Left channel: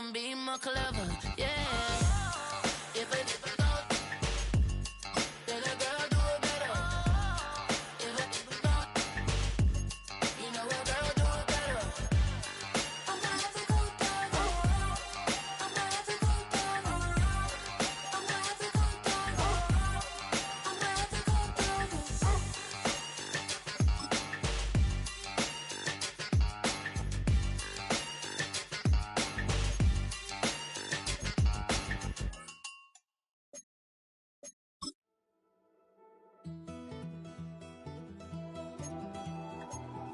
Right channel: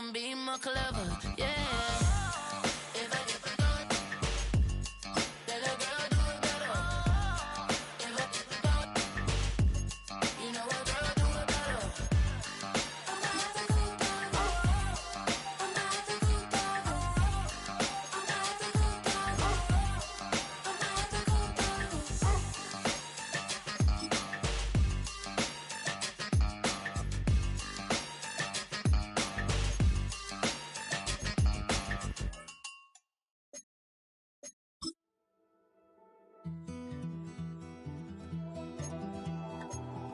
gon' be more clever, yeah. If I then a girl do it better. If I you know a girl do it better. I'm not the good dog. I'm not the good dog. I'm not the good dog. I'm not the good dog.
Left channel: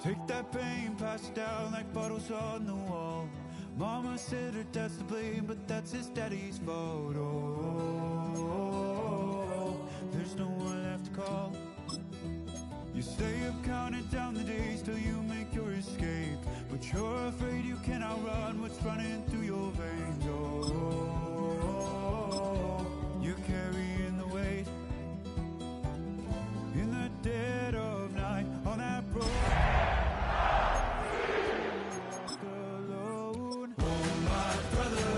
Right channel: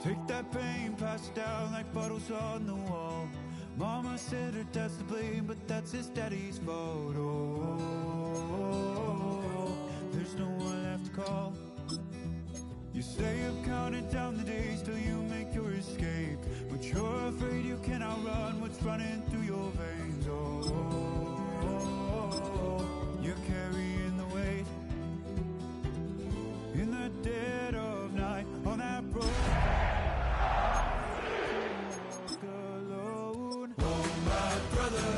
Take that pain, pass it down like bottles on the wall. Mama said her dad's to blame, but that's his daddy's fault. Oh, there's no one left to call. You stay up counting down the days till you make your escape, but you're afraid you can outrun what's running through your veins. Oh, you're carrying the weight in the dead of night on that road. Walk alone. Oh, my brother,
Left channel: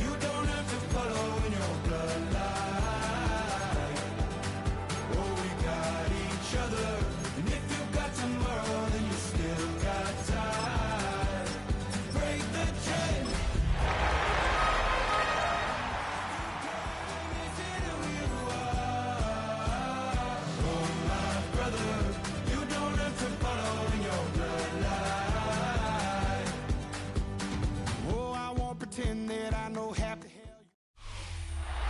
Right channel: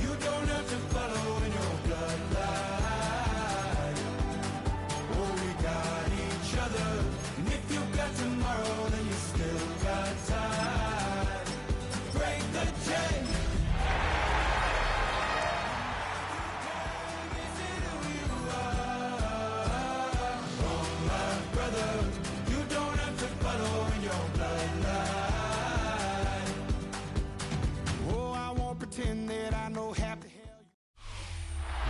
you don't have to follow in your bloodline. Oh, we got each other, and if you got tomorrow, then you still got time to break the chain. Is it who you are? Oh, my brother, you don't have to follow in your bloodline. Oh, I won't pretend that I know half the hell.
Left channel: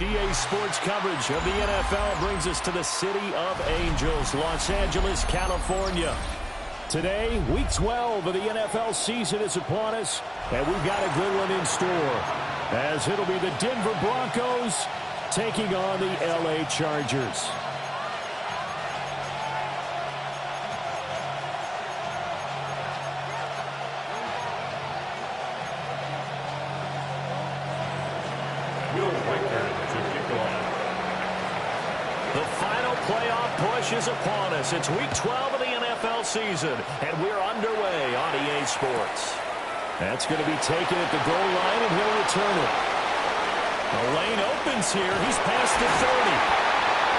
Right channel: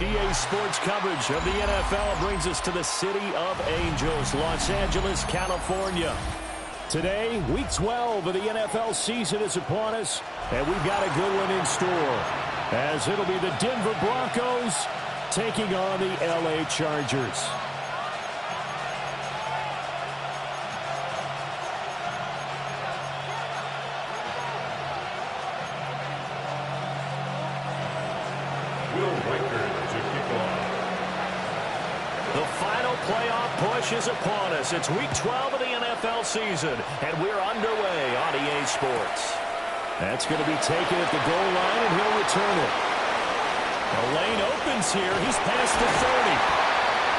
EA Sports coverage of the NFL brings us to the City of Angels, Los Angeles, California. Today, Week 12 of the NFL season is upon us, and we've got a good one in store, as it'll be the Denver Broncos taking on the LA Chargers. Will Riker to kick off. The final playoff push is upon us. It's Week 12 of the NFL season, and we're underway on EA Sports. That's going to be taken at the goal line, and he'll return it. The lane opens here. He's past the 30.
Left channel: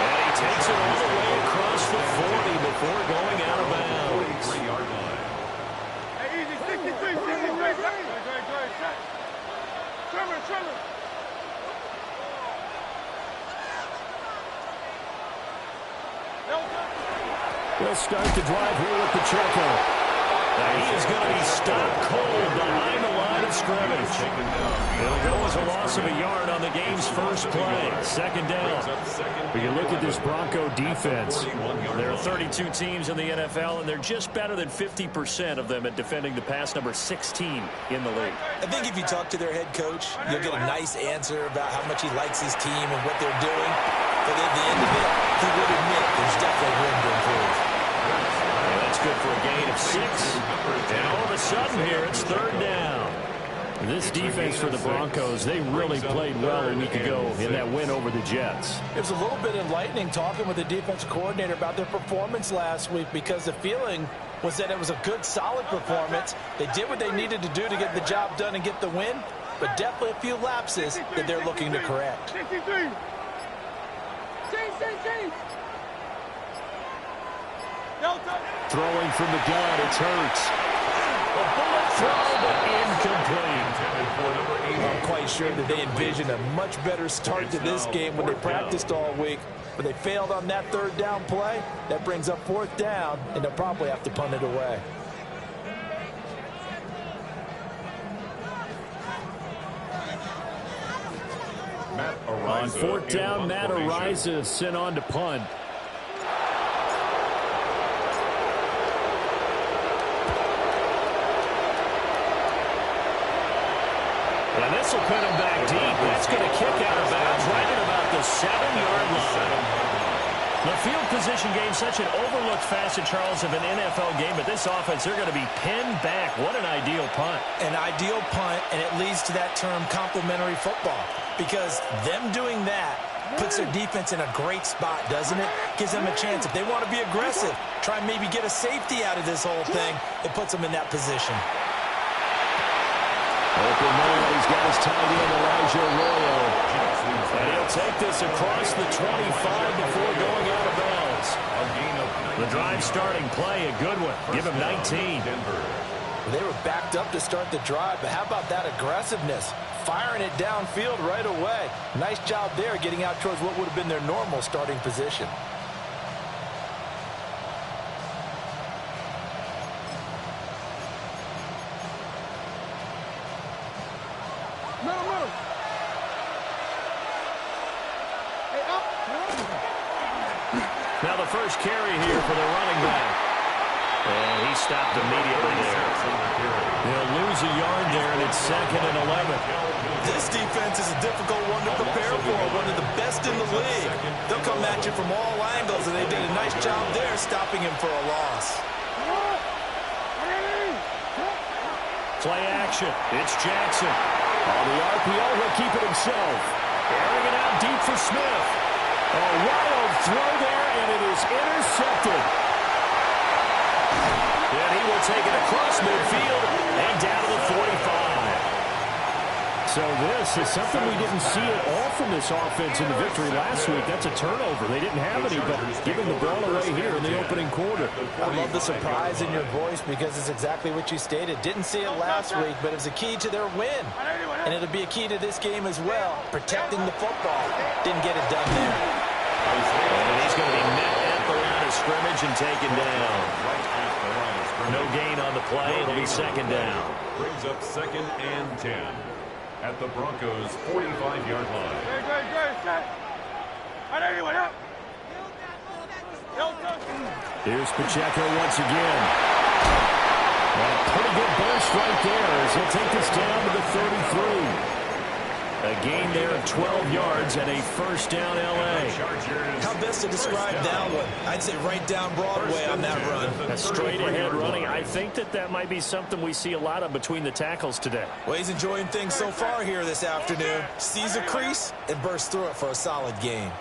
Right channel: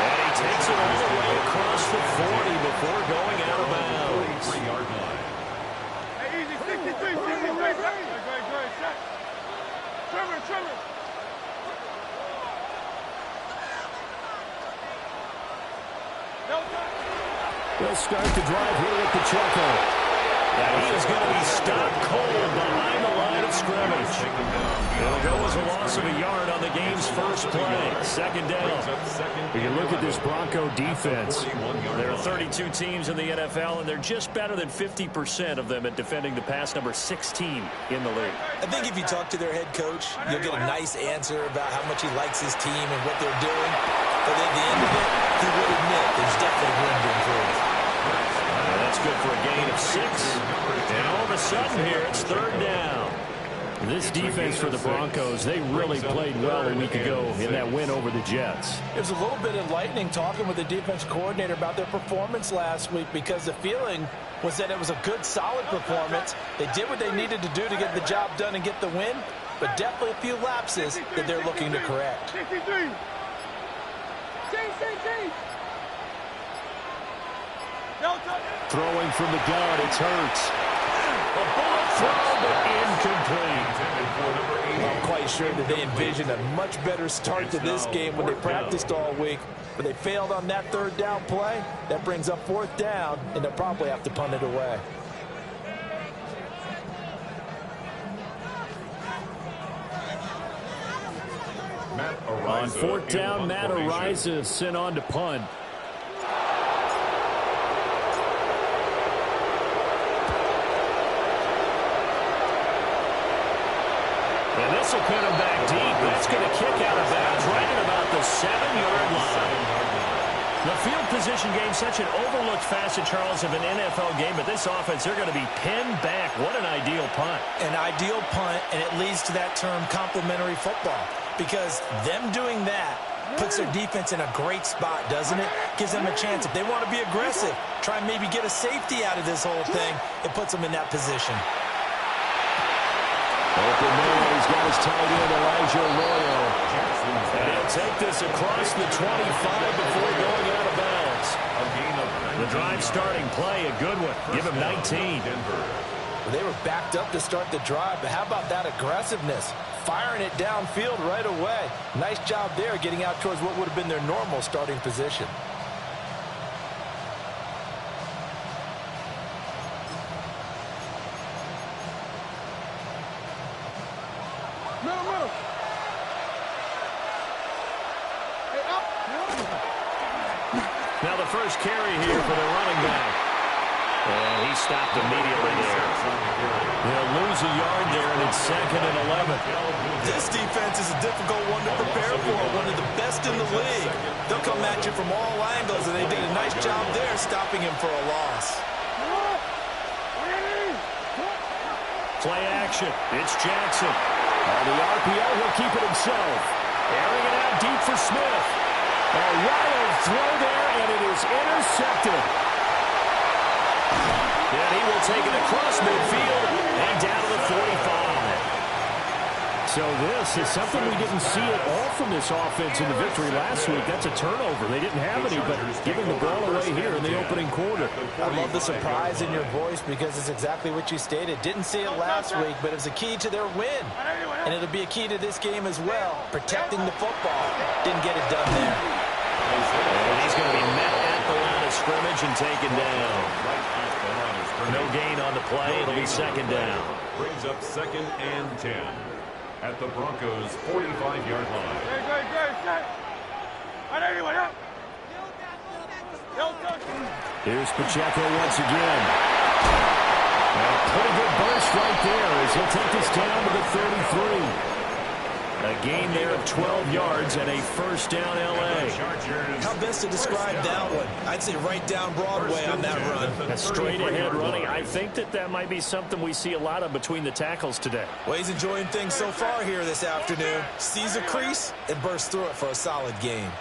And he takes it all the way across the 40 before going out of bounds. 43-yard line. Hey, easy, 63, 63. Great. Trevor. He'll start the drive here with Pacheco. Now he is going to be stopped cold behind the line of scrimmage. It'll go as a loss of a yard on the game's first play. Second down. But you look at this Bronco defense. There are 32 teams in the NFL, and they're just better than 50% of them at defending the pass, number 16 in the league. I think if you talk to their head coach, you'll get a nice answer about how much he likes his team and what they're doing. But at the end of it, he would admit there's definitely room to improve. And that's good for a gain of 6. And all of a sudden here, it's third down. This defense for the Broncos, they really played well a week ago in that win over the Jets. It was a little bit enlightening talking with the defensive coordinator about their performance last week, because the feeling was that it was a good, solid performance. They did what they needed to do to get the job done and get the win, but definitely a few lapses that they're looking to correct. 63. Throwing from the gun, it's Hurts. A bullet throw, but incomplete. I'm quite sure that they envisioned a much better start to this game when they practiced all week, but they failed on that third down play. That brings up fourth down, and they'll probably have to punt it away. On fourth down, Matt Ariza sent on to punt. And this will pin him back deep. That's going to kick out of bounds right at about the 7-yard line. The field position game, such an overlooked facet, Charles, of an NFL game, but this offense, they're going to be pinned back. What an ideal punt. An ideal punt, and it leads to that term complementary football, because them doing that puts their defense in a great spot, doesn't it? Gives them a chance. If they want to be aggressive, try and maybe get a safety out of this whole thing, it puts them in that position. Open man, he's got his tight end, Elijah Arroyo. And he'll take this across the 25 before going out of bounds. The drive starting play, a good one. Give him 19. Well, they were backed up to start the drive, but how about that aggressiveness? Firing it downfield right away. Nice job there getting out towards what would have been their normal starting position. Middle. Hey, up. Now the first carry here for the running back. And he stopped immediately there. He'll lose a yard there, and it's 2nd and 11. This defense is a difficult one to prepare for, one of the best in the league. They'll come at you from all angles, and they did a nice job there stopping him for a loss. Play action. It's Jackson. On the RPO, he'll keep it himself. Airing it out deep for Smith. A wild throw there, and it is intercepted. And he will take it across midfield and down to the 45. So this is something we didn't see at all from this offense in the victory last week. That's a turnover. They didn't have any, but giving the ball away here in the opening quarter. I love the surprise in your voice because it's exactly what you stated. Didn't see it last week, but it was a key to their win. And it'll be a key to this game as well, protecting the football. Didn't get it done there. And he's going to be met at the line of scrimmage and taken down. No gain on the play. It'll be 2nd down. Brings up 2nd and 10 at the Broncos' 45-yard line. Great, set. Here's Pacheco once again. And a pretty good burst right there as he'll take this down to the 33. A gain there of 12 yards and a 1st down L.A. How best to describe that one? I'd say right down Broadway on that run. A straight-ahead running. I think that might be something we see a lot of between the tackles today. Well, he's enjoying things so far here this afternoon. Sees a crease and bursts through it for a solid gain.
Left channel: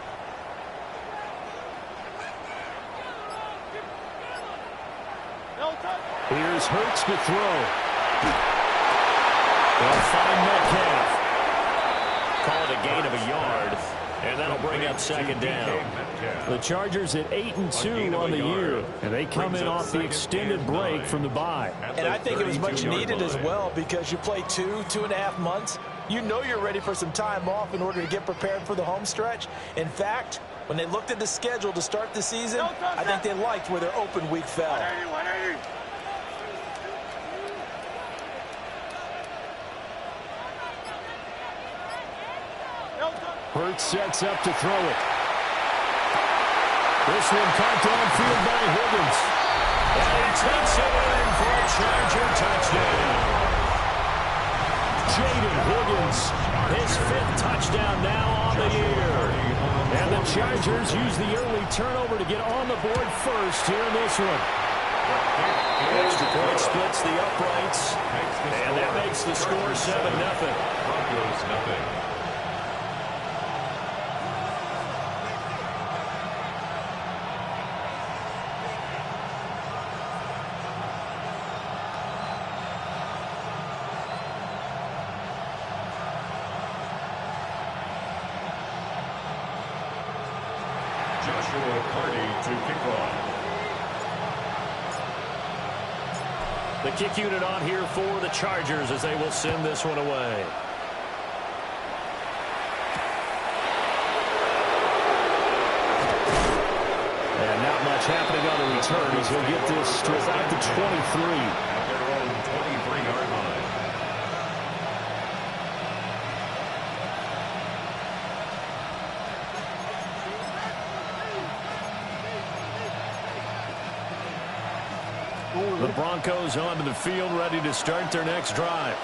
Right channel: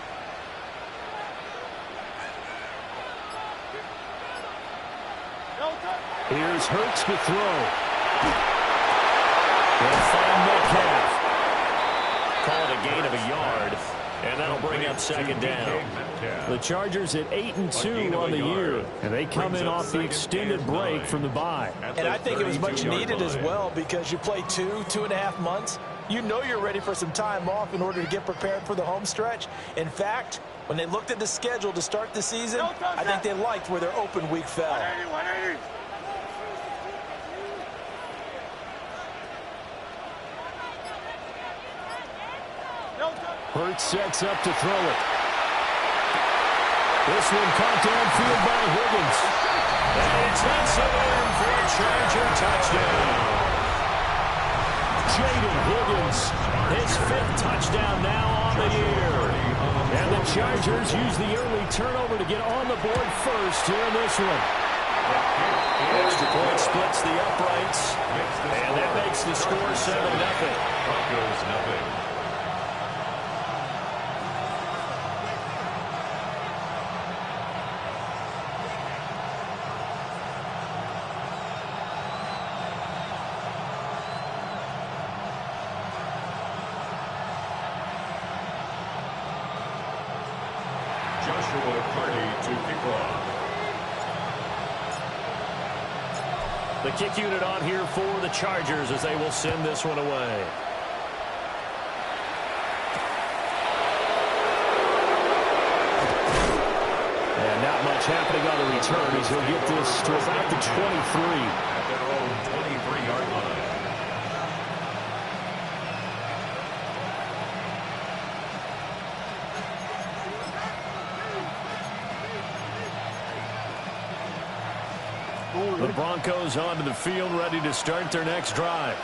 Here's Hurts to throw. They'll find Metcalf. Call it a gain of a yard, and that'll bring up 2nd down. The Chargers at 8-2 on the year, and they come in off the extended break from the bye. And I think it was much needed as well because you play 2.5 months. You know you're ready for some time off in order to get prepared for the home stretch. In fact, when they looked at the schedule to start the season, I think they liked where their open week fell. 180. Hurts sets up to throw it. This one caught downfield by Higgins. And he takes it in for a Charger touchdown. Jaden Higgins, his 5th touchdown now on the year. And the Chargers use the early turnover to get on the board first here in this one. Extra point splits the uprights. And that makes the score 7-0. Broncos nothing. Joshua Carty to kick off. The kick unit on here for the Chargers as they will send this one away. And not much happening on the return as he'll get this to about the 23. At their own 23-yard line. The Broncos onto the field, ready to start their next drive.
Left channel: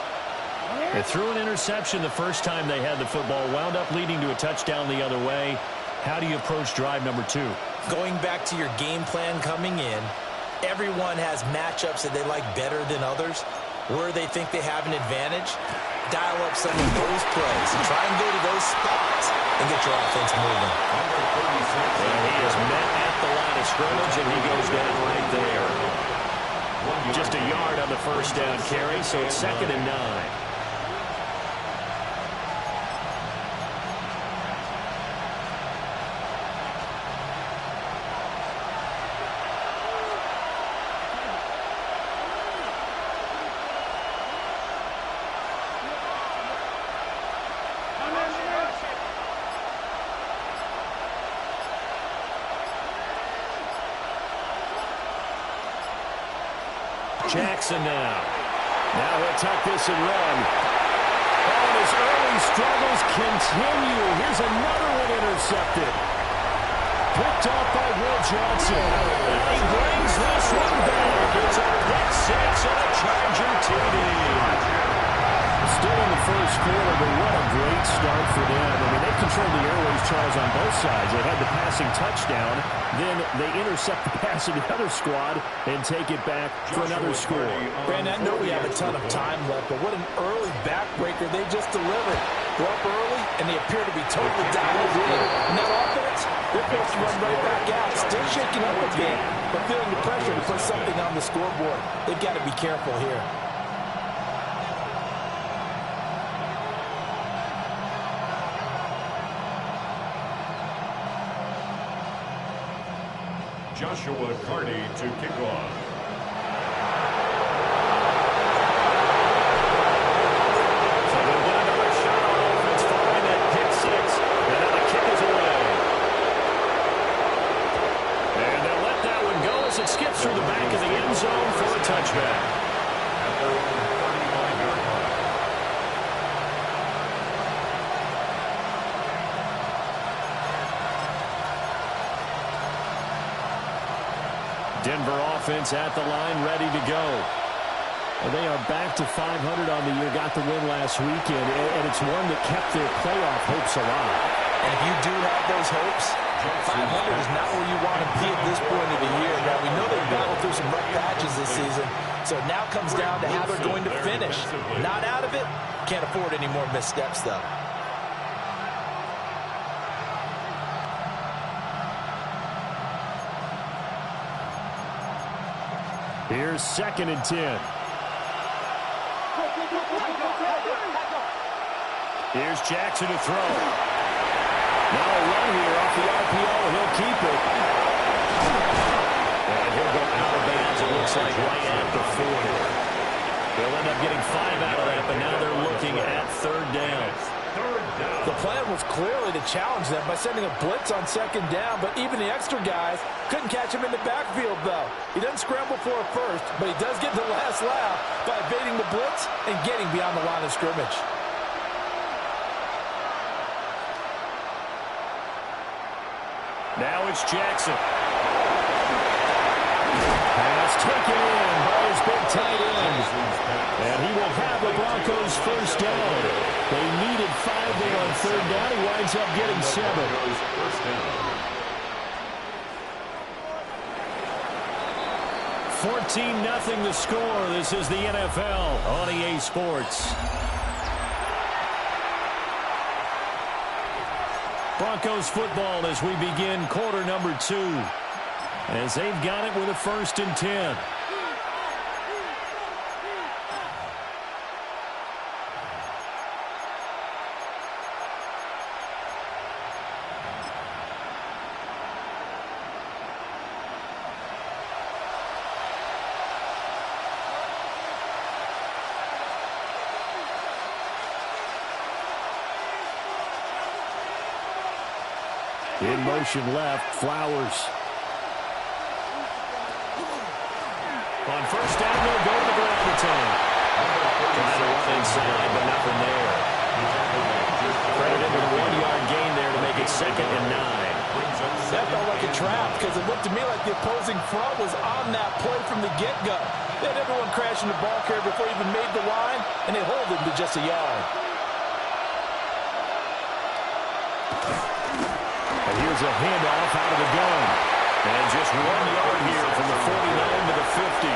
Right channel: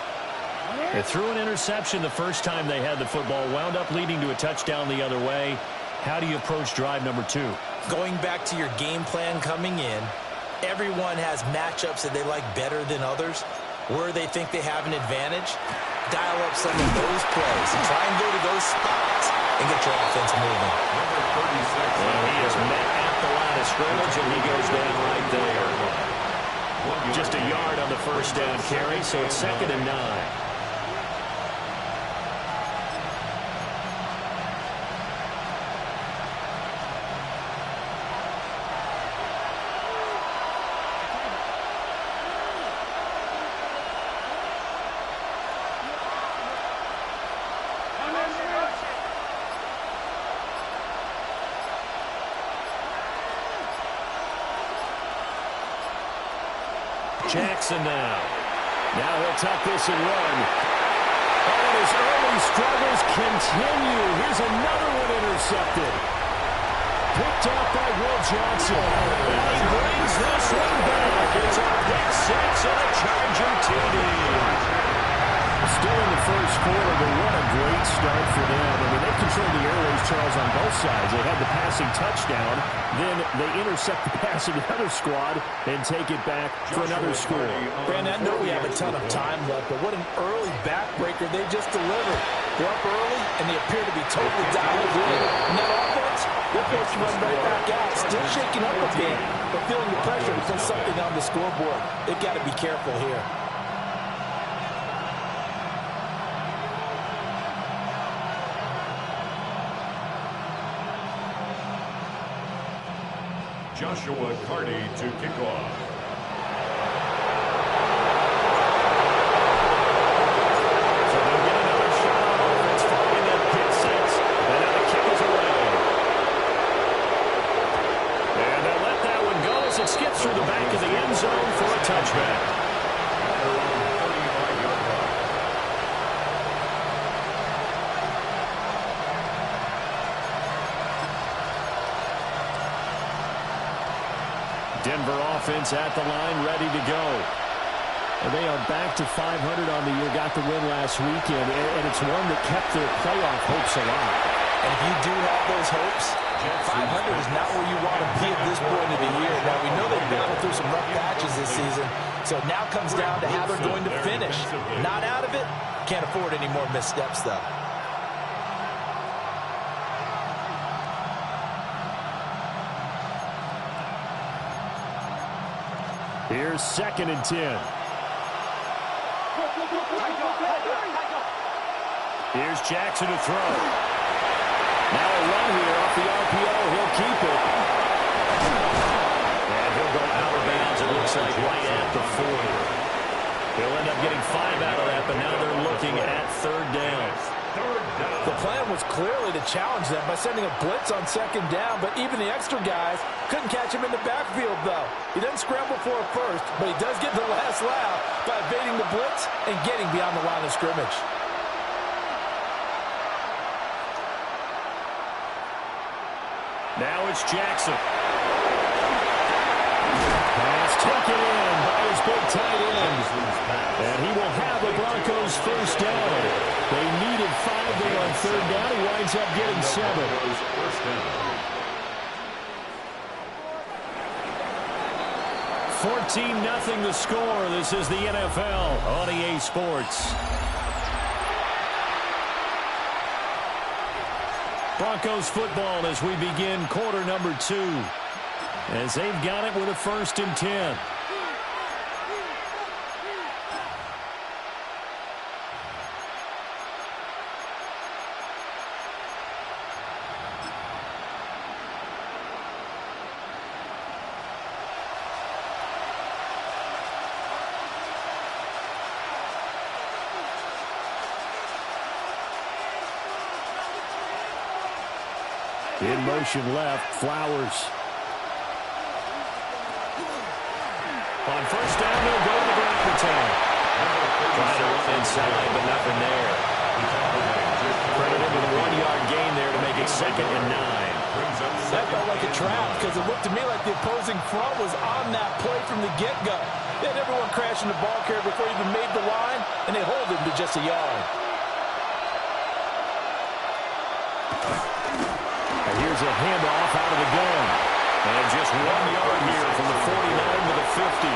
They threw an interception the first time they had the football, wound up leading to a touchdown the other way. How do you approach drive number 2? Going back to your game plan coming in, everyone has matchups that they like better than others. Where they think they have an advantage, dial up some of those plays and try and go to those spots and get your offense moving. Number 36. And he is met at the line of scrimmage, and he goes down right there. Just a yard on the first down carry, so it's 2nd and 9. Jackson now. Now he'll tuck this and run. Oh, and his early struggles continue. Here's another one intercepted. Picked off by Will Johnson. And he brings this one back. It's a pick six and a Charger TD. Still in the first quarter, but what a great start for them. I mean, they controlled the airways, Charles, on both sides. They had the passing touchdown. Then they intercept the pass of the other squad and take it back for another score. Brandon, I know we have a ton of time left, but what an early backbreaker they just delivered. They're up early, and they appear to be totally dialed in. And that offense, they're forced to run right back out. Still shaking up a bit, but feeling the pressure to put something on the scoreboard. They've got to be careful here. Joshua Carty to kick off. So they'll get another shot on offense following that pick six. And now the kick is away. And they'll let that one go as it skips through the back of the end zone for a touchback. At their own 35-yard line. Denver offense at the line, ready to go. They are back to 500 on the year, got the win last weekend, and it's one that kept their playoff hopes alive. And if you do have those hopes, 500 is not where you want to be at this point of the year. Now, we know they've battled through some rough patches this season, so it now comes down to how they're going to finish. Not out of it, can't afford any more missteps, though. Here's 2nd and 10. Here's Jackson to throw. Now a run here off the RPO. He'll keep it. And he'll go out of bounds, it looks like, right at the 40. They'll end up getting 5 out of that, but now they're looking at 3rd down. The plan was clearly to challenge them by sending a blitz on 2nd down, but even the extra guys couldn't catch him in the backfield, though. He doesn't scramble for it first, but he does get the last laugh by evading the blitz and getting beyond the line of scrimmage. Now it's Jackson. Pass taken in by his big tight end. And he will have the Broncos first down. They needed 5 there on 3rd down. He winds up getting 7. First down. 14-0 the score. This is the NFL on EA Sports. Broncos football as we begin quarter number 2. As they've got it with a 1st and 10. In motion left, Flowers. On 1st down, they'll go to the ground attack. Trying to run inside, but nothing there. Credited with a 1-yard gain there to make it 2nd and 9. That felt like a trap because it looked to me like the opposing front was on that play from the get-go. They had everyone crashing the ball carrier before he even made the line, and they hold him to just a yard. And here's a handoff out of the gun. And just 1 yard here from the 49 to the 50.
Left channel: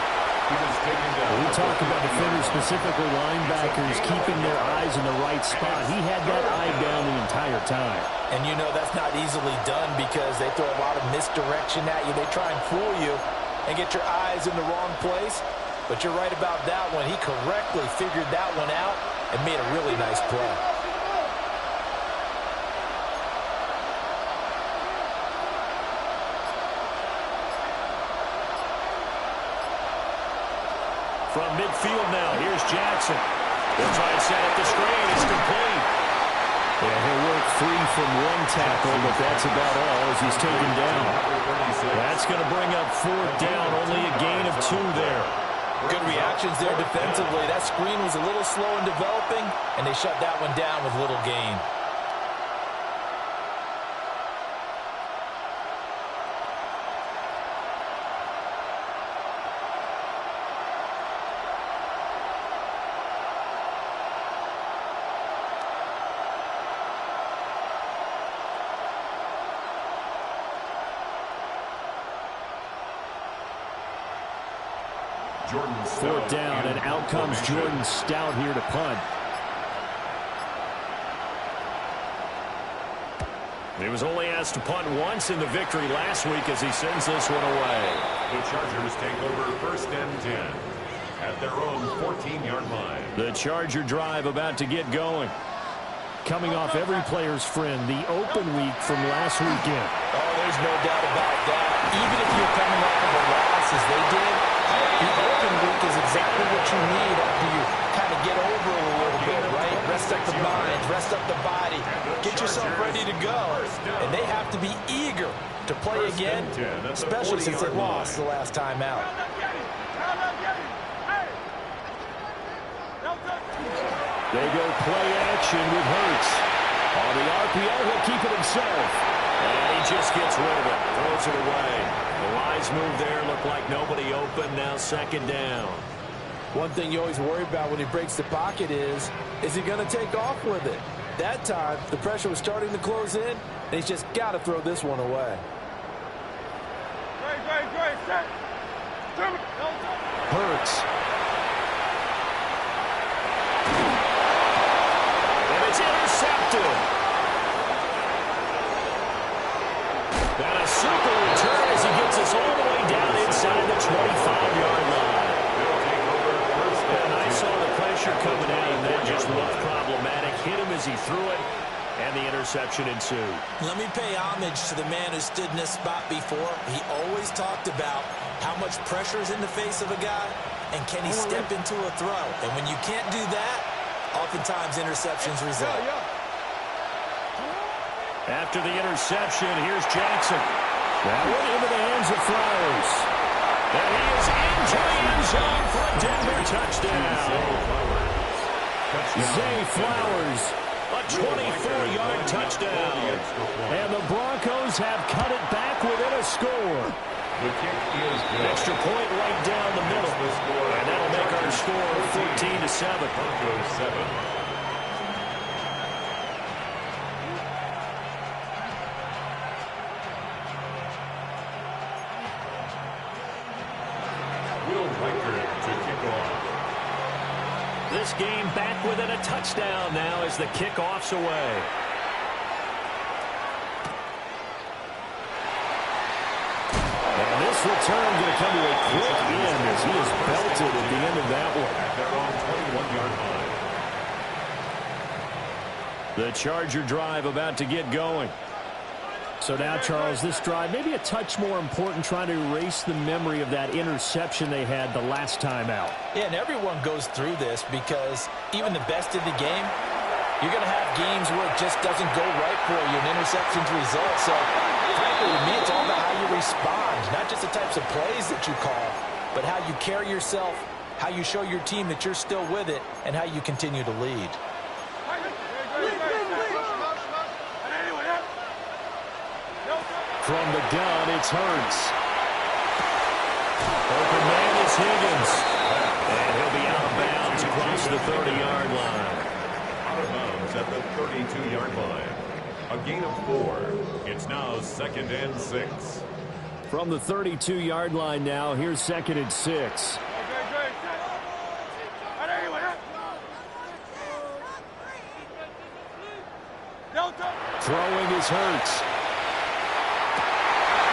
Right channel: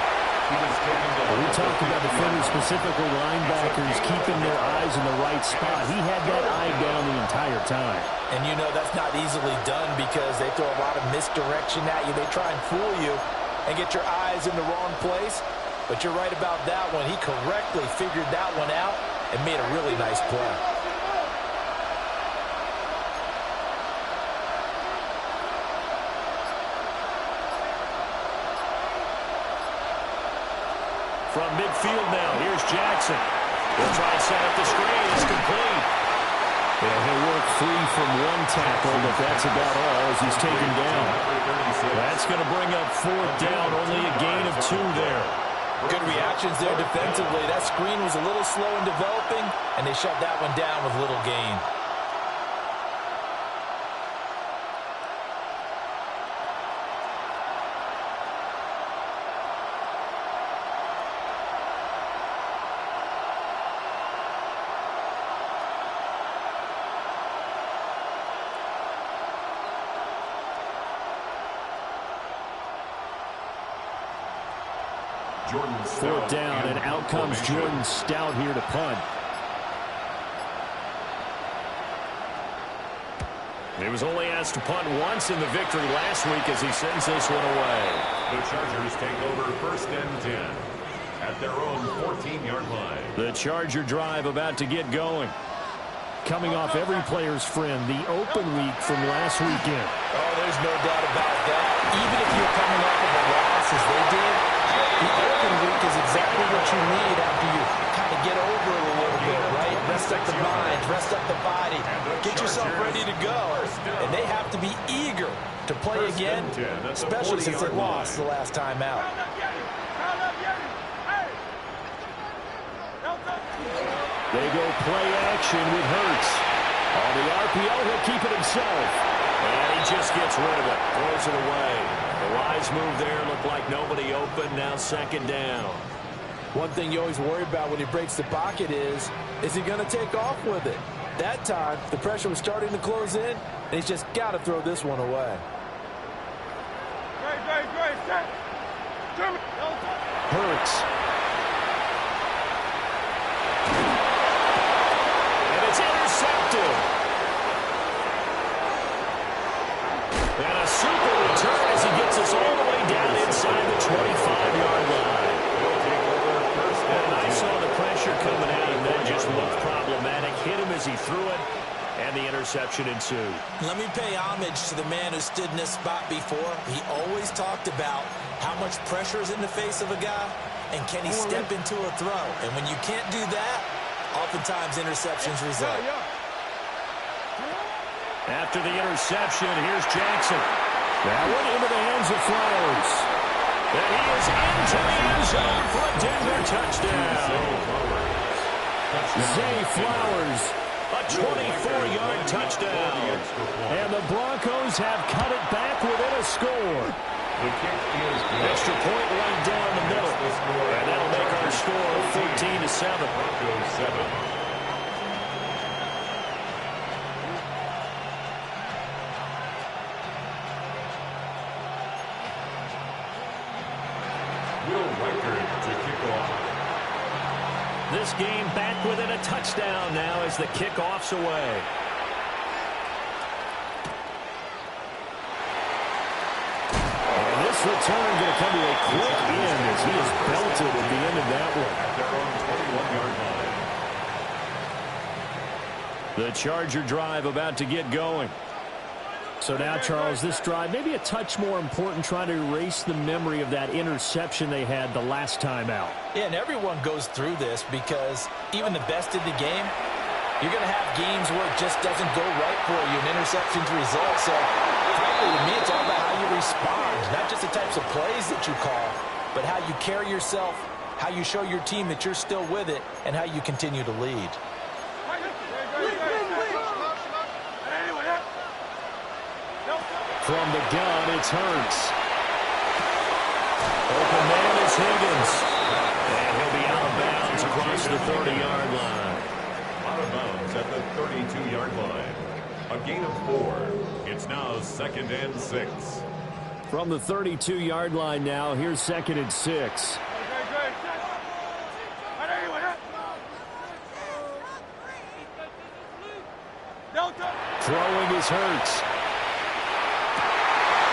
We talk about defenders, specifically linebackers, keeping their eyes in the right spot. He had that eye down the entire time. And you know that's not easily done because they throw a lot of misdirection at you. They try and fool you and get your eyes in the wrong place. But you're right about that one. He correctly figured that one out and made a really nice play. From midfield now, here's Jackson. He'll try and set up the screen. It's complete. And he'll work free from 1 tackle, but that's about all as he's taken down. That's going to bring up 4th down, only a gain of 2 there. Good reactions there defensively. That screen was a little slow in developing, and they shut that one down with little gain. Fourth down, and out comes Jordan Stout here to punt. He was only asked to punt once in the victory last week as he sends this one away. The Chargers take over 1st and 10 at their own 14-yard line. The Charger drive about to get going. Coming off every player's friend, the open week from last weekend. Oh, there's no doubt about that. Even if you're coming off of a loss as they did, the open week is exactly what you need after you kind of get over it a little bit, right? Rest up the mind, rest up the body, get yourself ready to go. And they have to be eager to play again, especially since they lost the last time out. They go play action with Hurts. On the RPO, he'll keep it himself. And he just gets rid of it, throws it away. The wise move there, looked like nobody open, now 2nd down. One thing you always worry about when he breaks the pocket is he going to take off with it? That time, the pressure was starting to close in, and he's just got to throw this one away. Great, set. Hurts. And it's intercepted. And a super return as he gets us all the way down inside the 25-yard line. They'll take over 1st and 10. And I saw the pressure coming at him. That just looked problematic. Hit him as he threw it, and the interception ensued. Let me pay homage to the man who stood in this spot before. He always talked about how much pressure is in the face of a guy, and can he step into a throw. And when you can't do that, oftentimes interceptions result. After the interception, here's Jackson. That one into the hands of Flowers. And he is into the end zone for a Denver touchdown. Zay Flowers, a 24-yard touchdown. And the Broncos have cut it back within a score. The kick is good. Extra point right down the middle. And that'll make our score 14-7. Broncos 7. Will Reichard to kick off. This game back within a touchdown now as the kickoff's away. And this return going to come to a quick end as he is belted at the end of that one. At their own 21-yard line. The Charger drive about to get going. So now, Charles, this drive maybe a touch more important, trying to erase the memory of that interception they had the last time out. Yeah, and everyone goes through this because even the best in the game, you're going to have games where it just doesn't go right for you, and interceptions result. So, frankly, to me, it's all about how you respond, not just the types of plays that you call, but how you carry yourself, how you show your team that you're still with it, and how you continue to lead. From the gun, it's Hurts. Open man is Higgins. And he'll be out of bounds across the 30-yard line. Out of bounds at the 32-yard line. A gain of 4. It's now 2nd and 6. From the 32-yard line now, here's 2nd and 6. Throwing is Hurts.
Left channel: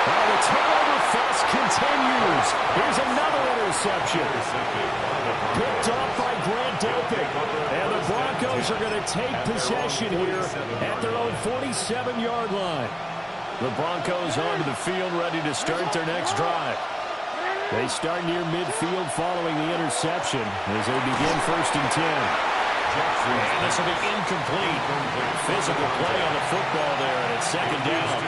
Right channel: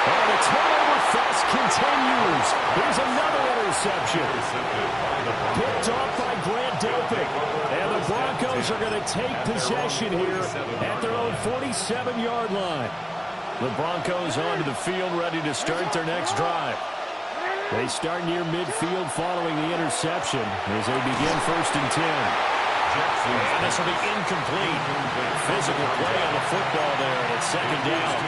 Oh, the turnover fest continues. Here's another interception. Picked off by Grant Delpit. And the Broncos are going to take possession here at their own 47-yard line. The Broncos onto the field, ready to start their next drive. They start near midfield following the interception as they begin 1st and 10. And this will be incomplete. Physical play on the football there, and it's 2nd down.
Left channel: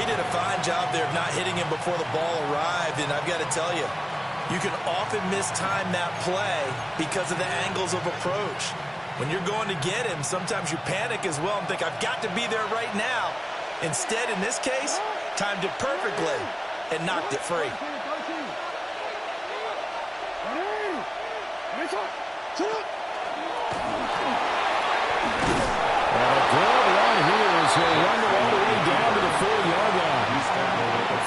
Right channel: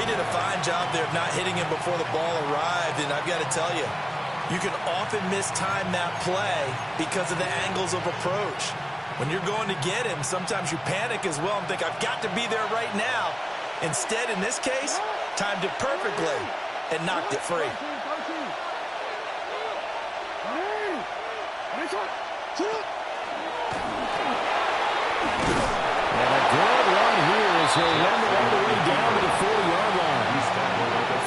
He did a fine job there of not hitting him before the ball arrived, and I've got to tell you, You can often mistime that play because of the angles of approach. When you're going to get him, sometimes you panic as well and think, I've got to be there right now. Instead, in this case, timed it perfectly and knocked it free. And a good run here as he'll run all the way down to the 40-yard line.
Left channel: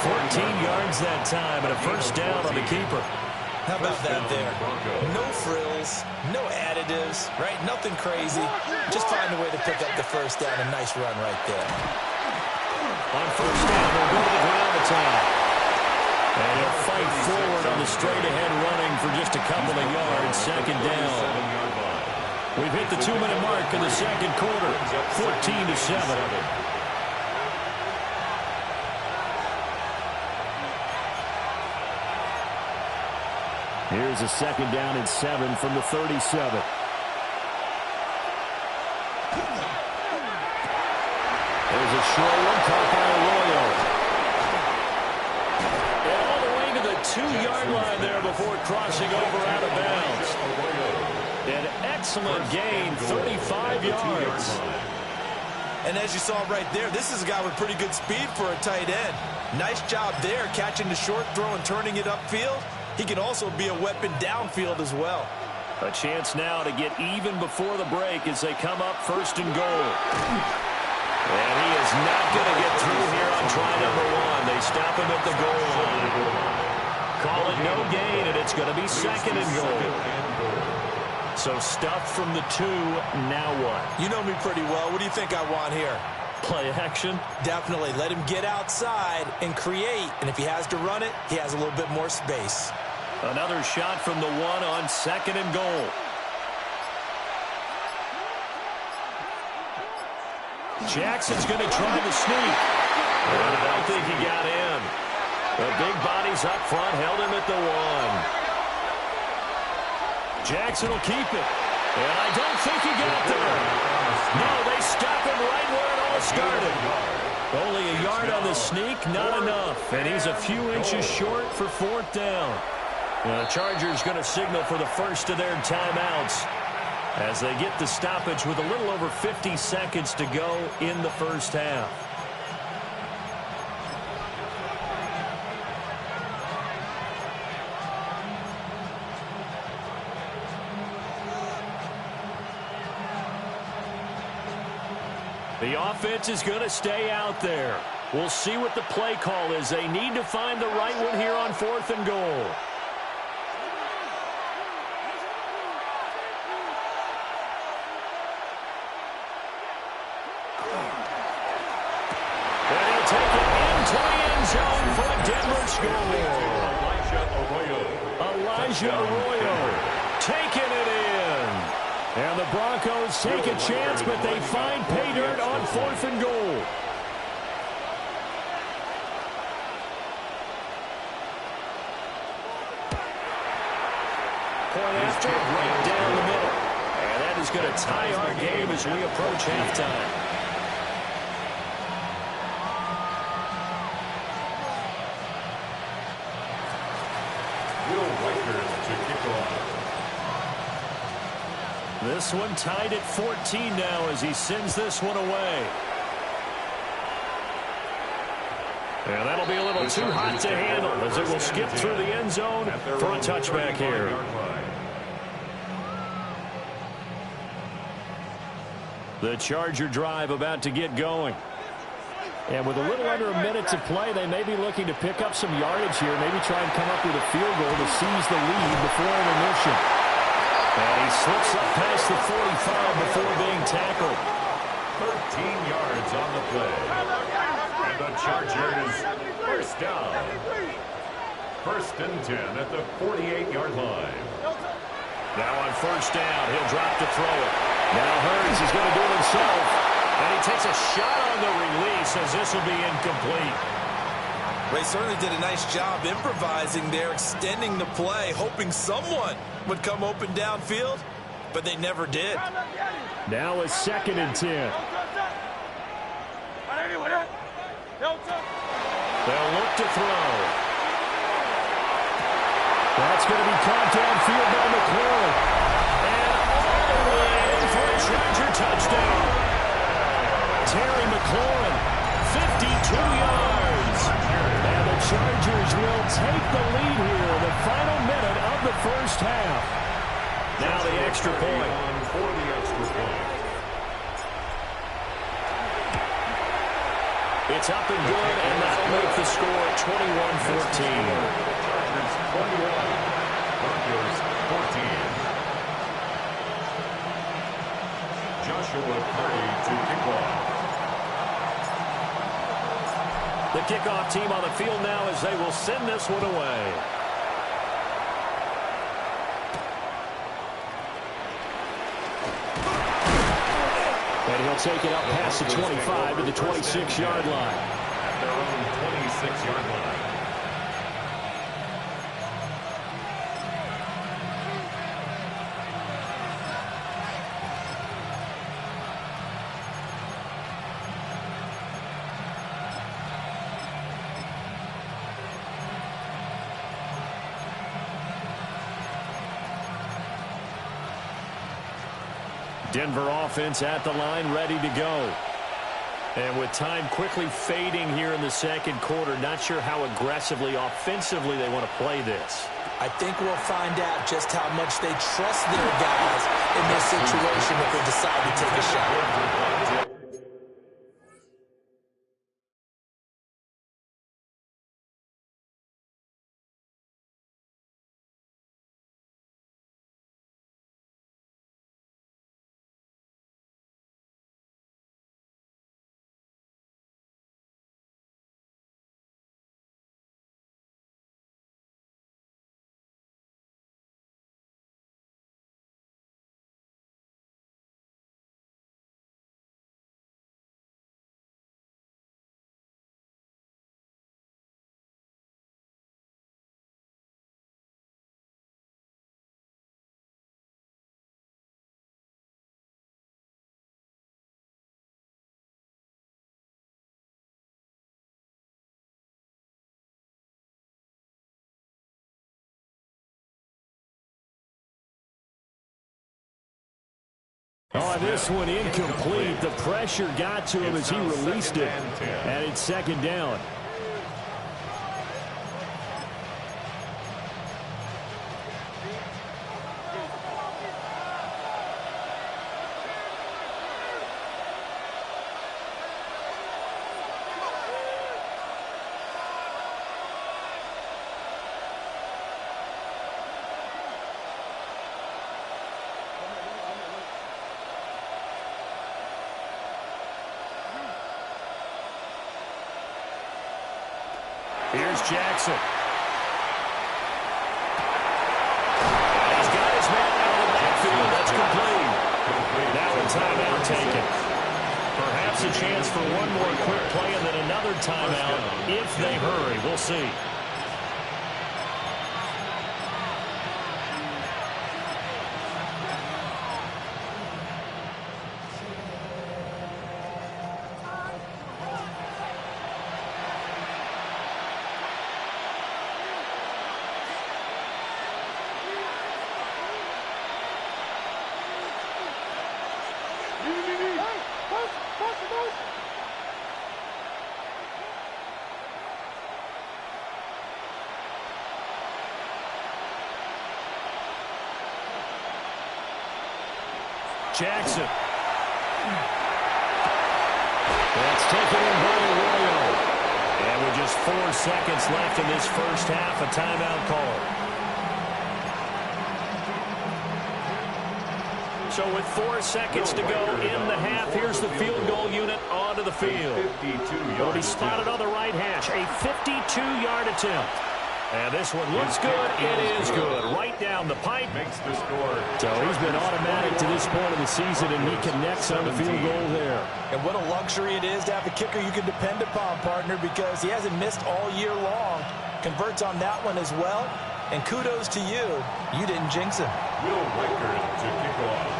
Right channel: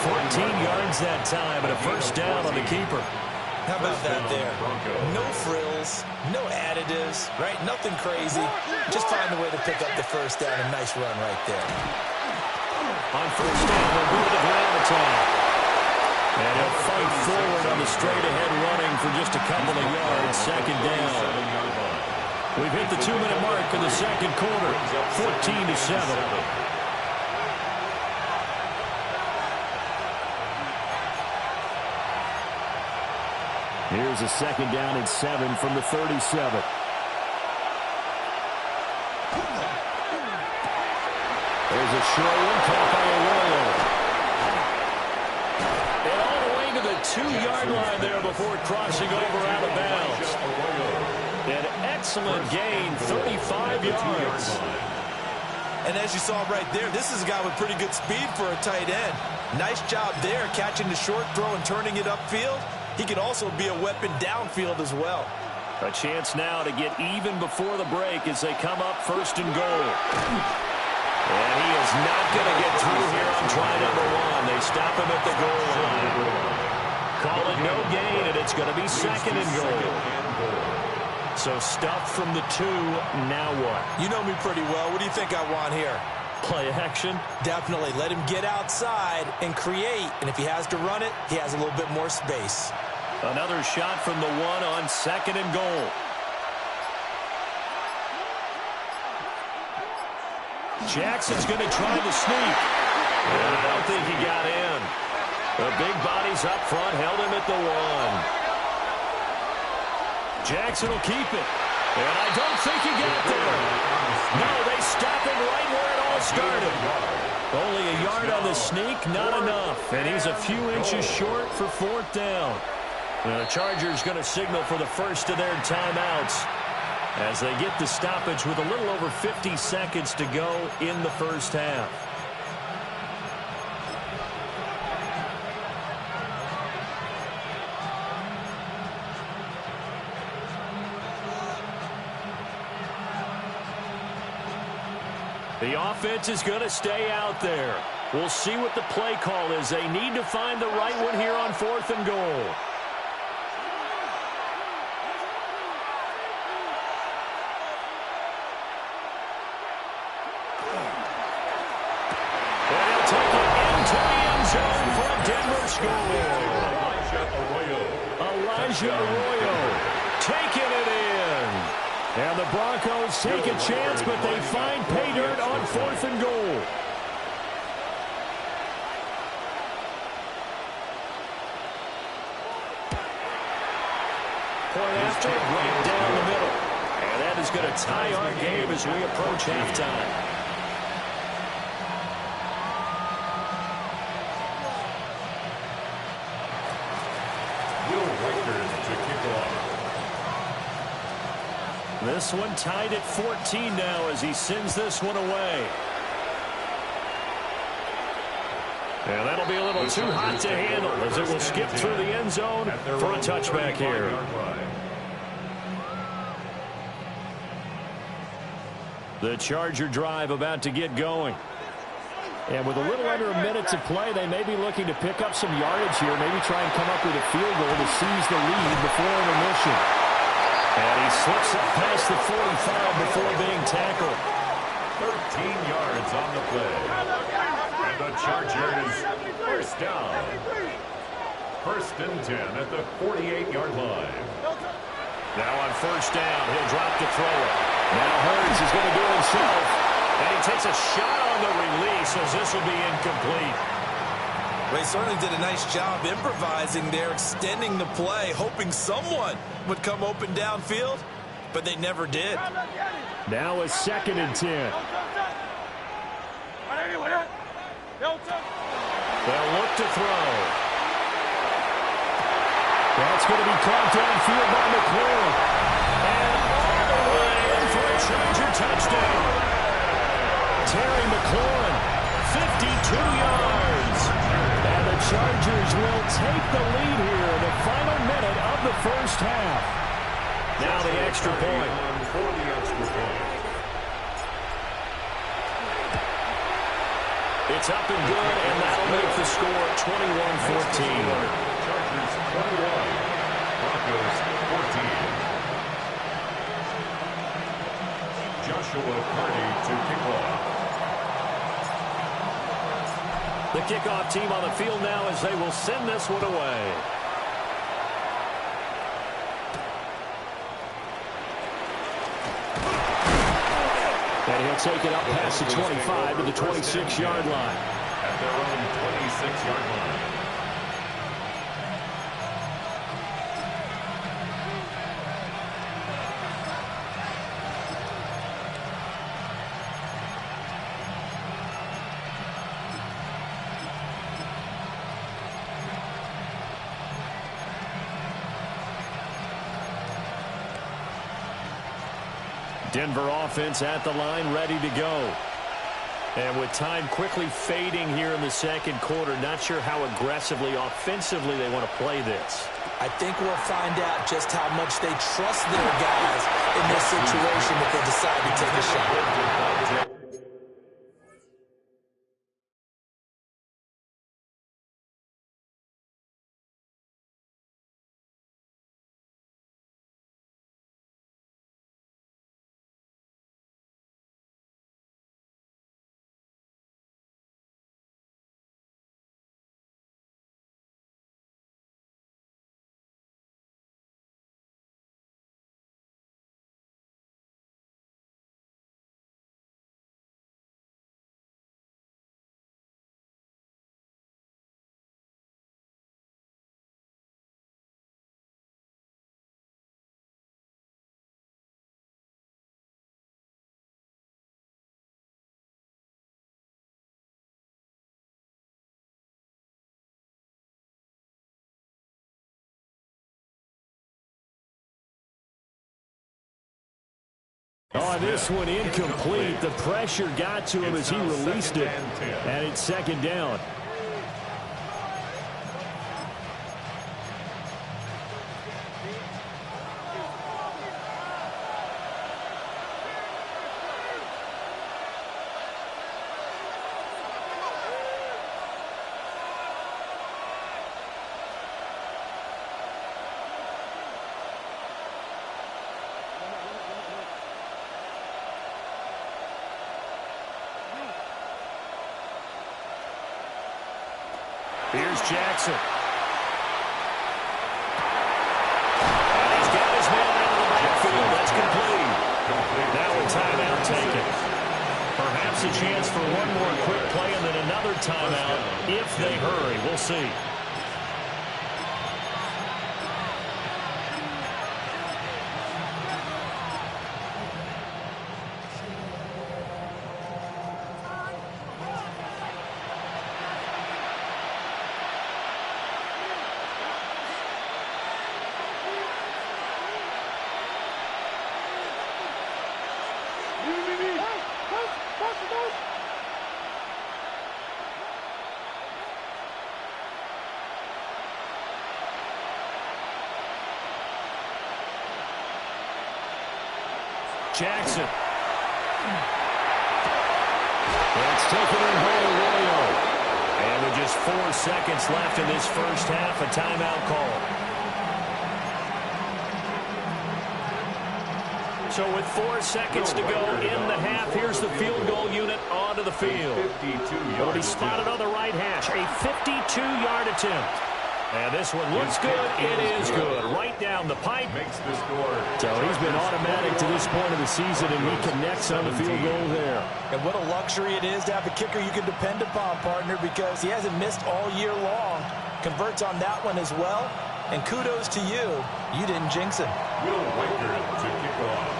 14 yards that time and a first down on the keeper. How about that there? No frills, no additives, right? Nothing crazy. Just find a way to pick up the first down. A nice run right there. On first down, they'll go to the ground attack. And he'll fight forward on the straight-ahead running for just a couple of yards. Second down. We've hit the 2-minute mark in the second quarter. 14-7. Here's a second down and 7 from the 37. There's a short one caught by Arroyo. And all the way to the 2-yard line there before crossing over out of bounds. An excellent gain, 35 yards. And as you saw right there, this is a guy with pretty good speed for a tight end. Nice job there, catching the short throw and turning it upfield. He can also be a weapon downfield as well. A chance now to get even before the break as they come up first and goal. And he is not going to get through here on try number 1. They stop him at the goal line. Call it no gain, and it's going to be second and goal. So stuff from the 2, now what? You know me pretty well. What do you think I want here? Play action? Definitely. Let him get outside and create. And if he has to run it, he has a little bit more space. Another shot from the 1 on second and goal. Jackson's going to try the sneak. And I don't think he got in. The big bodies up front held him at the 1. Jackson will keep it. And I don't think he got there. No, they stop him right where it all started. Only a yard on the sneak, not enough. And he's a few inches short for 4th down. The Chargers going to signal for the first of their timeouts as they get the stoppage with a little over 50 seconds to go in the first half. The offense is going to stay out there. We'll see what the play call is. They need to find the right one here on 4th and goal. And he'll take it into the end zone for a Denver score. Elijah Arroyo taking it in. And the Broncos take a chance, but they find pay dirt on 4th and goal. Point after, right down the middle. And that is going to tie our game as we approach halftime. Will Reichard to kick off. This one tied at 14 now as he sends this one away. And that'll be a little too hot to handle as it will skip through the end zone for a touchback here. The Charger drive about to get going. And with a little under a minute to play, they may be looking to pick up some yardage here, maybe try and come up with a field goal to seize the lead before intermission. And he slips up past the 45 before being tackled. 13 yards on the play. And the Chargers first down. 1st and 10 at the 48-yard line. Now on first down, he'll drop to throw it. Now Hurts is going to do it himself. And he takes a shot on the release as this will be incomplete. They certainly did a nice job improvising there, extending the play, hoping someone would come open downfield, but they never did. Now a 2nd and 10. They'll look to throw. That's going to be caught downfield by McLaurin. And all the way in for a Charger touchdown. Terry McLaurin, 52 yards. And the Chargers will take the lead here in the final minute of the first half. Now the extra point. For the extra point. It's up and good, and that'll make the score 21-14. Chargers 21, Broncos 14. Joshua Carty to kick off. The kickoff team on the field now as they will send this one away. And he'll take it up past the 25 to the 26-yard line. At their own 26-yard line. Denver offense at the line, ready to go. And with time quickly fading here in the second quarter, not sure how aggressively, offensively they want to play this. I think we'll find out just how much they trust their guys in this situation if they decide to take a shot. Oh, this one incomplete. The pressure got to him as he released it. And it's second down. Here's Jackson. And he's got his man out of the backfield. That's complete. Now a timeout taken. Perhaps a chance for one more quick play and then another timeout if they hurry. We'll see. Jackson. That's taken in by Arroyo. And with just 4 seconds left in this first half, a timeout call. So with 4 seconds to go in the half, here's the field goal unit onto the field. Will be spotted on the right hash. A 52-yard attempt. And this one looks good. It is good. Right down the pipe. Makes the score. So he's been automatic to this point of the season, and he connects on the field goal there. And what a luxury it is to have a kicker you can depend upon, partner, because he hasn't missed all year long. Converts on that one as well. And kudos to you. You didn't jinx him. Will Wickard to kick off.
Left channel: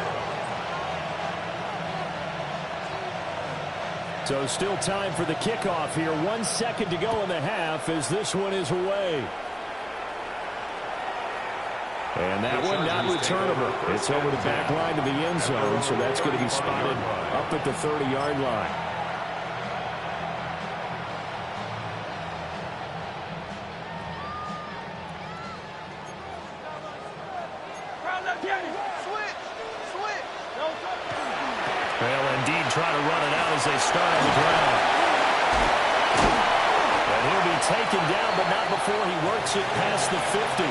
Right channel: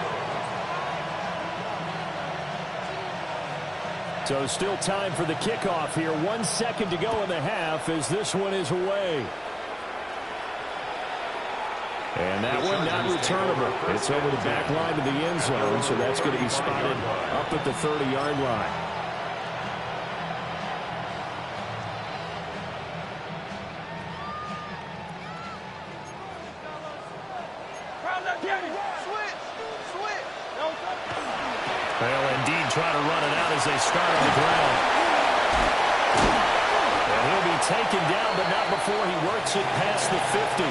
So still time for the kickoff here. 1 second to go in the half as this one is away. And that one not returnable. It's over the back line to the end zone, so that's going to be spotted up at the 30-yard line. They'll indeed try to run it out as they start on the ground. And he'll be taken down, but not before he works it past the 50.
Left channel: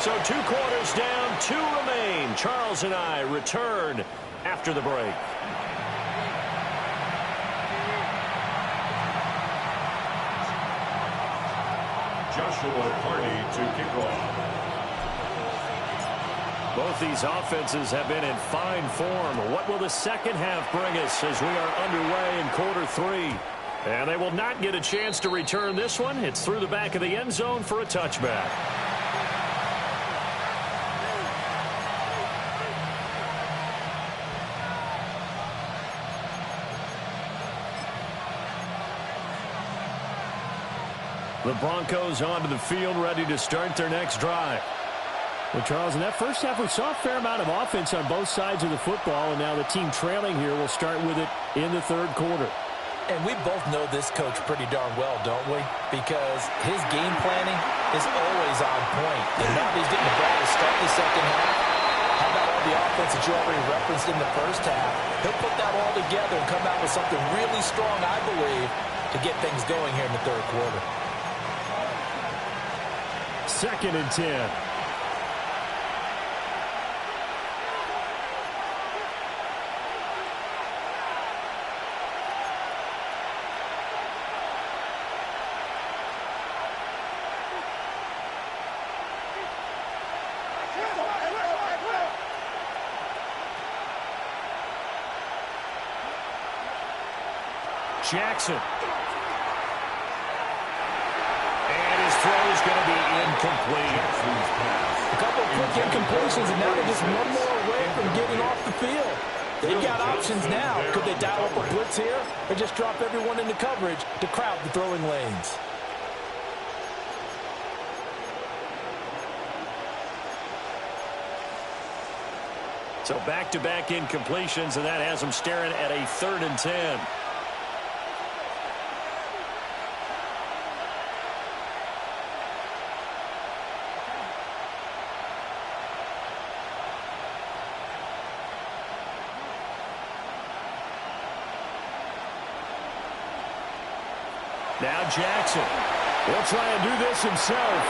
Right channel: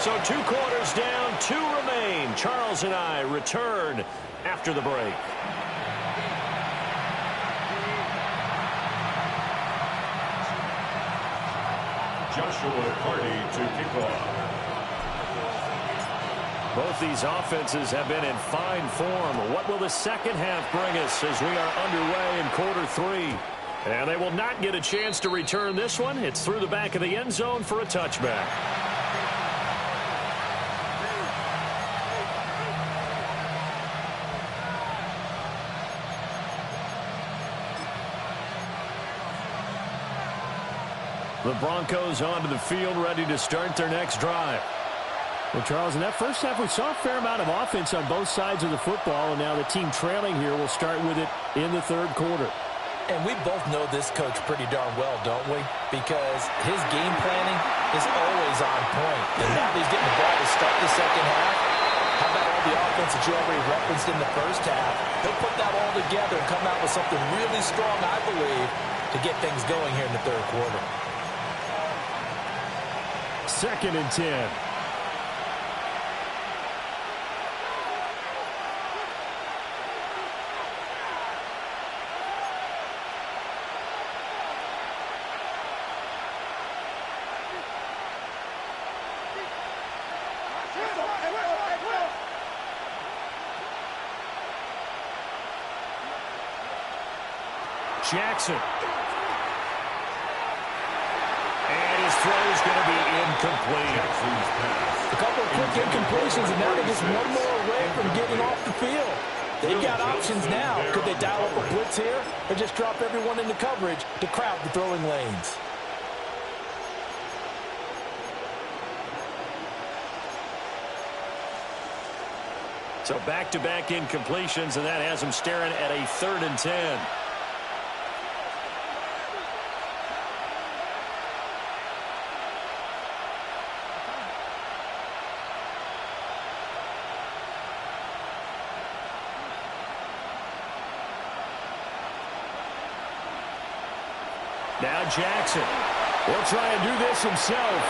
So 2 quarters down, 2 remain. Charles and I return after the break. Joshua Carty to kick off. Both these offenses have been in fine form. What will the second half bring us as we are underway in quarter 3? And they will not get a chance to return this one. It's through the back of the end zone for a touchback. The Broncos onto the field, ready to start their next drive. Well, Charles, in that first half, we saw a fair amount of offense on both sides of the football, and now the team trailing here will start with it in the third quarter. And we both know this coach pretty darn well, don't we? Because his game planning is always on point. And now that he's getting the ball to start the second half, how about all the offense that you already referenced in the first half? He'll put that all together and come out with something really strong, I believe, to get things going here in the third quarter. 2nd and 10. Jackson. And his throw is going to be incomplete. A couple of quick incompletions, and now they're just one more away from getting off the field. They've got options now. Could they dial up a blitz here or just drop everyone into coverage to crowd the throwing lanes? So back-to-back incompletions, and that has them staring at a 3rd and 10. Now Jackson. He'll try and do this himself.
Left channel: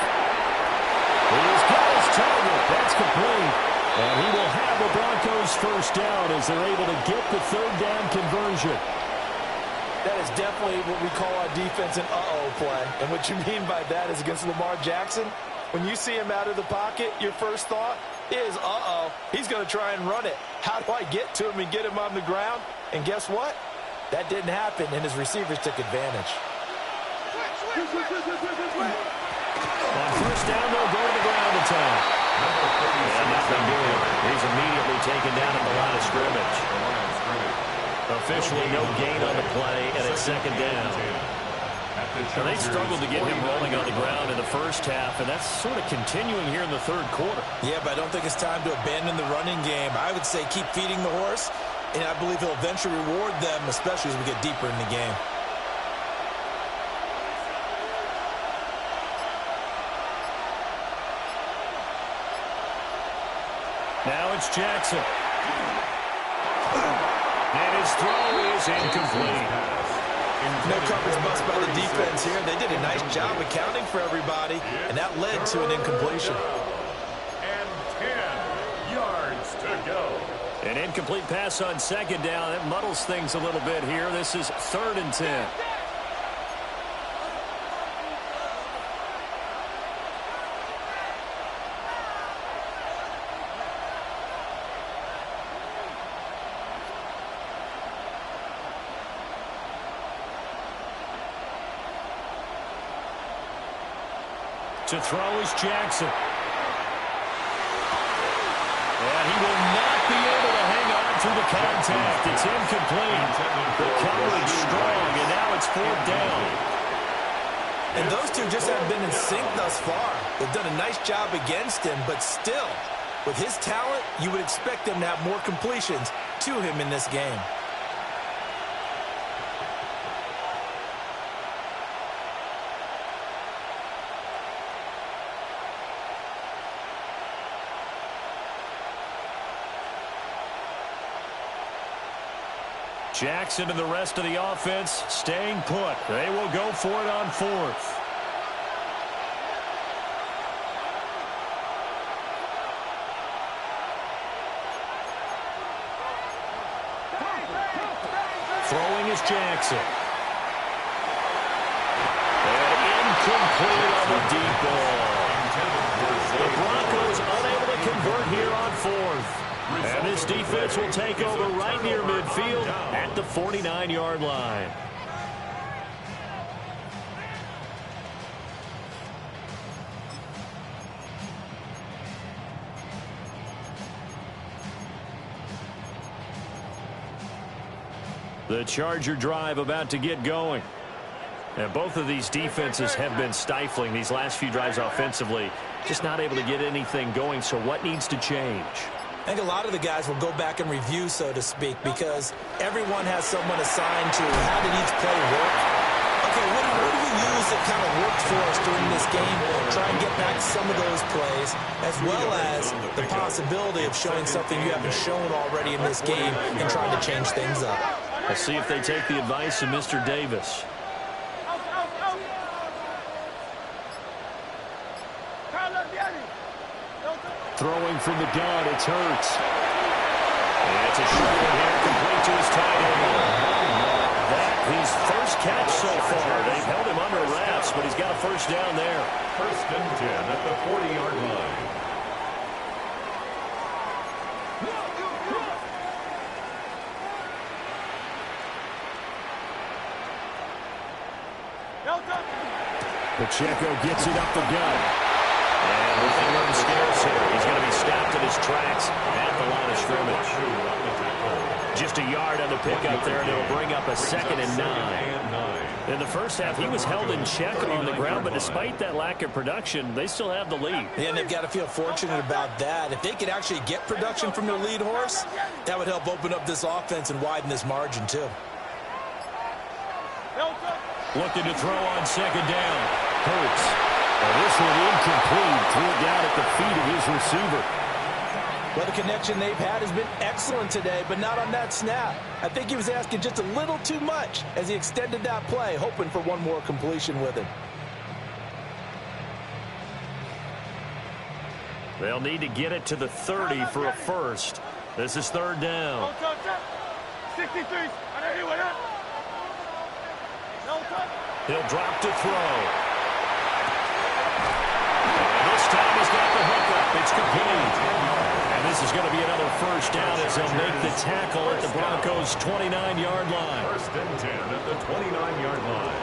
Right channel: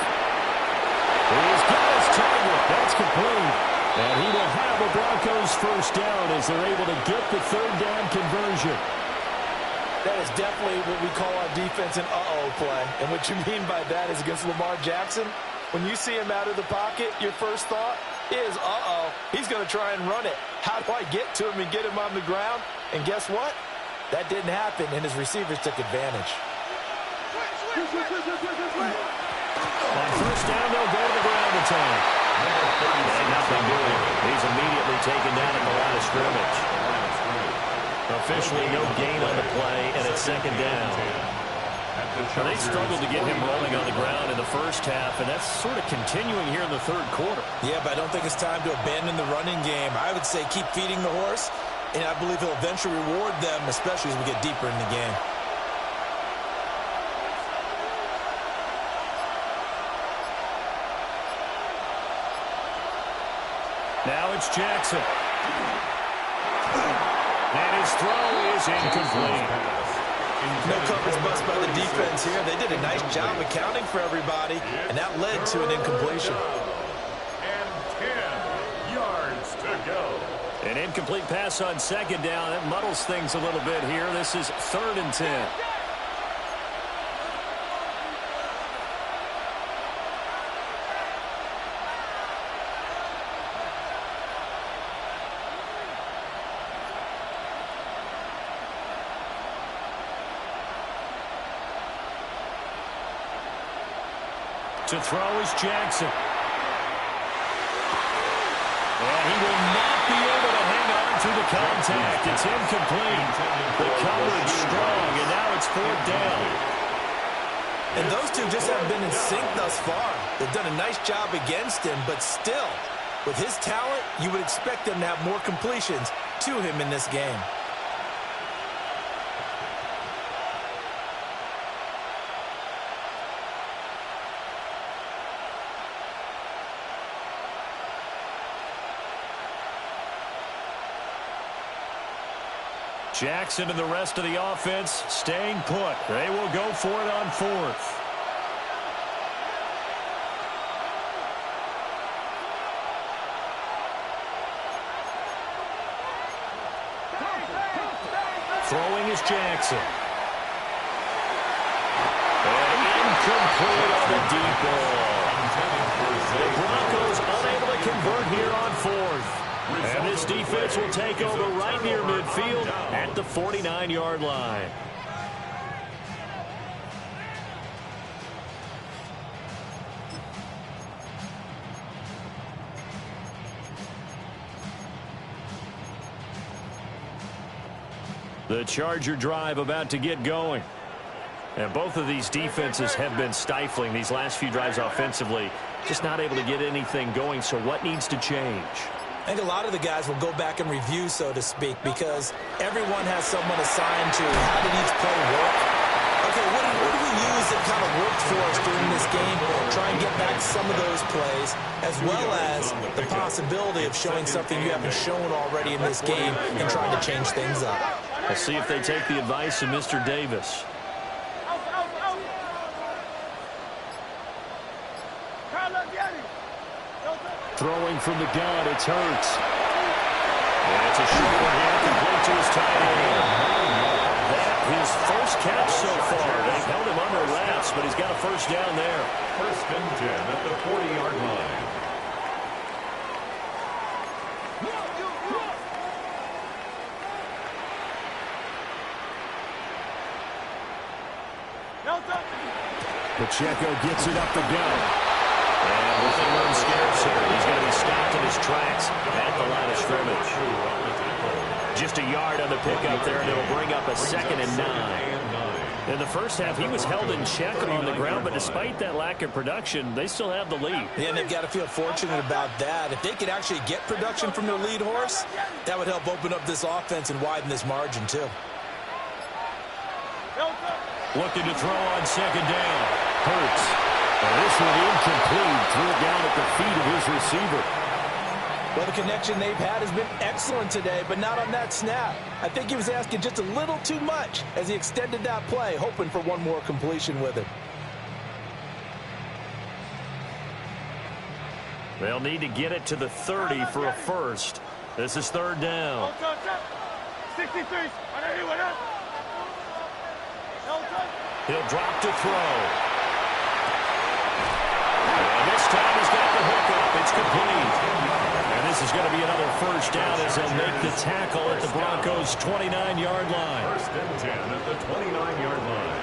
He's got his target. That's complete. And he will have a Broncos first down as they're able to get the 3rd down conversion. That is definitely what we call our defense an uh-oh play. And what you mean by that is against Lamar Jackson, when you see him out of the pocket, your first thought is, uh-oh, he's going to try and run it. How do I get to him and get him on the ground? And guess what? That didn't happen, and his receivers took advantage. On first down, they'll go to the ground attack. And nothing doing. He's immediately taken down at the line of scrimmage. Officially no gain on the play, and it's 2nd down. Now, they struggled to get him rolling on the ground in the first half, and that's sort of continuing here in the 3rd quarter. Yeah, but I don't think it's time to abandon the running game. I would say keep feeding the horse, and I believe he'll eventually reward them, especially as we get deeper in the game. Now it's Jackson. And his throw is incomplete. No coverage bust by the defense here. They did a nice job accounting for everybody, and that led to an incompletion. And 10 yards to go. An incomplete pass on 2nd down. That muddles things a little bit here. This is 3rd and 10. To throw is Jackson. And he will not be able to hang on through the contact. It's incomplete. The coverage strong, and now it's 4th down. And those two just haven't been in sync thus far. They've done a nice job against him, but still, with his talent, you would expect them to have more completions to him in this game. Jackson and the rest of the offense staying put. They will go for it on 4th. Throwing is Jackson. And incomplete on the deep ball. The Broncos unable to convert here on 4th. And this defense will take over right near midfield at the 49-yard line. The Charger drive about to get going. And both of these defenses have been stifling these last few drives offensively. Just not able to get anything going. So what needs to change? I think a lot of the guys will go back and review, so to speak, because everyone has someone assigned to how did each play work. Okay, what do we use that kind of worked for us during this game? Try and get back some of those plays, as well as the possibility of showing something you haven't shown already in this game and trying to change things up. We'll see if they take the advice of Mr. Davis. Throwing from the gun, it's Hurts. And it's a short one here, complete to his tight end. That his first catch so far. They've held him under wraps, but he's got a first down there. 1st and 10 at the 40-yard line. Pacheco gets it up the gut. And with room scarce here, he's going to be stopped in his tracks at the line of scrimmage. Just a yard on the pickup there, and it'll bring up a 2nd and 9. In the first half, he was held in check on the ground, but despite that lack of production, they still have the lead. Yeah, and they've got to feel fortunate about that. If they could actually get production from their lead horse, that would help open up this offense and widen this margin, too. Looking to throw on 2nd down. Hurts. And this one incomplete. Threw it down at the feet of his receiver. Well, the connection they've had has been excellent today, but not on that snap. I think he was asking just a little too much as he extended that play, hoping for one more completion with him. They'll need to get it to the 30 for a first. This is 3rd down. 63. He'll drop to throw. And this time he's got the hook up. It's complete. And this is going to be another first down as they'll make the tackle at the Broncos' 29-yard line. 1st and 10 at the 29-yard line.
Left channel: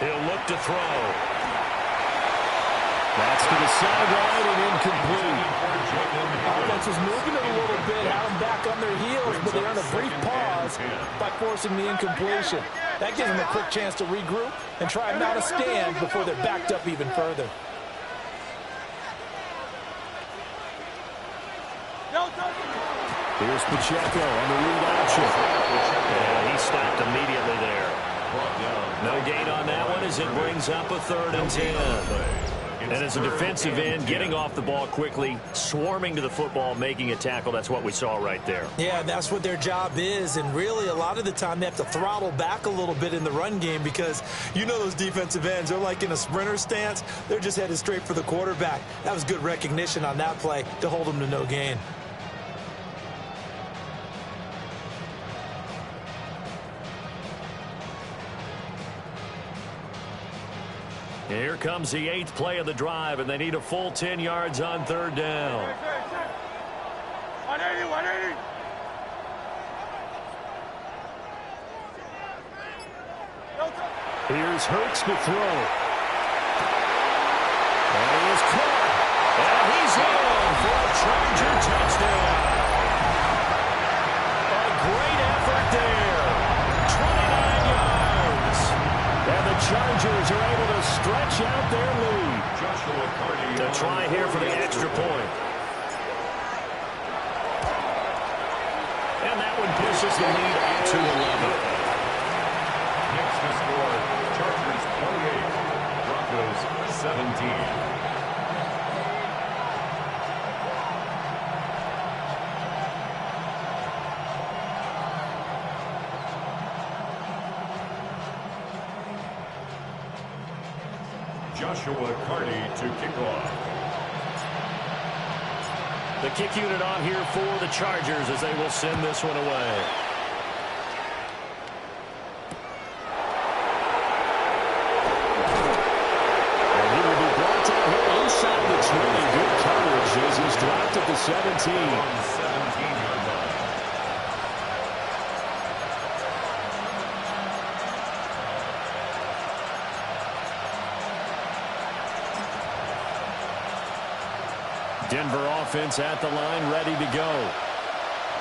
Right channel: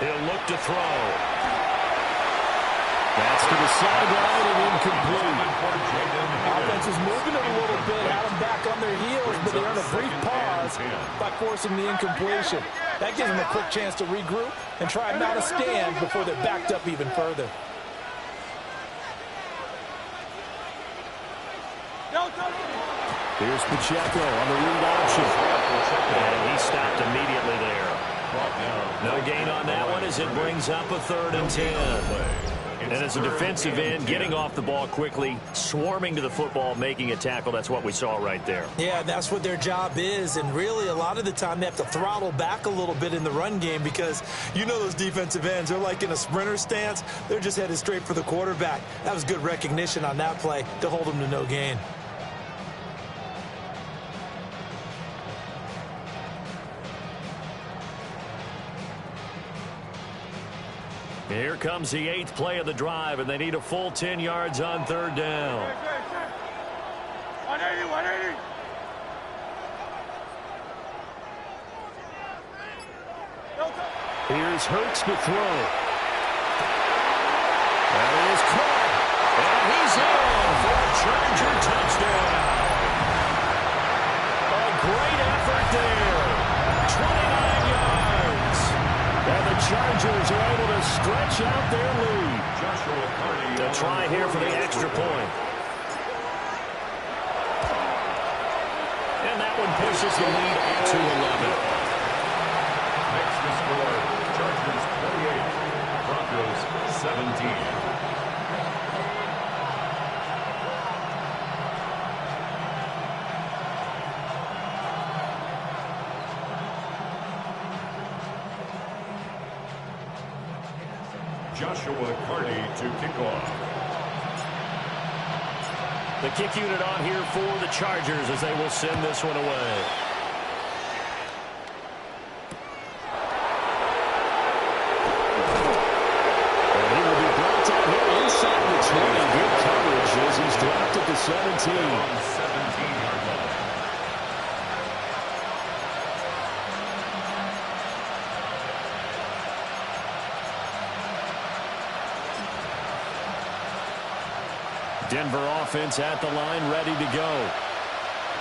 He'll look to throw. That's to the sideline and incomplete. Offense was moving it a little bit, had them back on their heels, but they earned a brief pause by forcing the incompletion. That gives them a quick chance to regroup and try not to stand before they're backed up even further. Here's Pacheco on the read option. And he stopped immediately there. No gain on that one as it brings up a 3rd and 10. And as a defensive end, getting off the ball quickly, swarming to the football, making a tackle, that's what we saw right there. Yeah, that's what their job is, and really a lot of the time they have to throttle back a little bit in the run game because you know those defensive ends, they're like in a sprinter stance. They're just headed straight for the quarterback. That was good recognition on that play to hold them to no gain. Here comes the 8th play of the drive, and they need a full 10 yards on 3rd down. 180. Here's Hurts to throw. And he is caught. And he's in for a Charger touchdown. A great there. 29 yards. And the Chargers are able to stretch out their lead. Joshua Carney To try here for the extra point. And that one pushes the lead up to 11. Makes the score Chargers 28, Broncos 17. Joshua Carney to kick off. The kick unit on here for the Chargers as they will send this one away. And he will be brought down here inside the 20. Good coverage as he's dropped at the 17. On 17-yard line. Denver offense at the line, ready to go.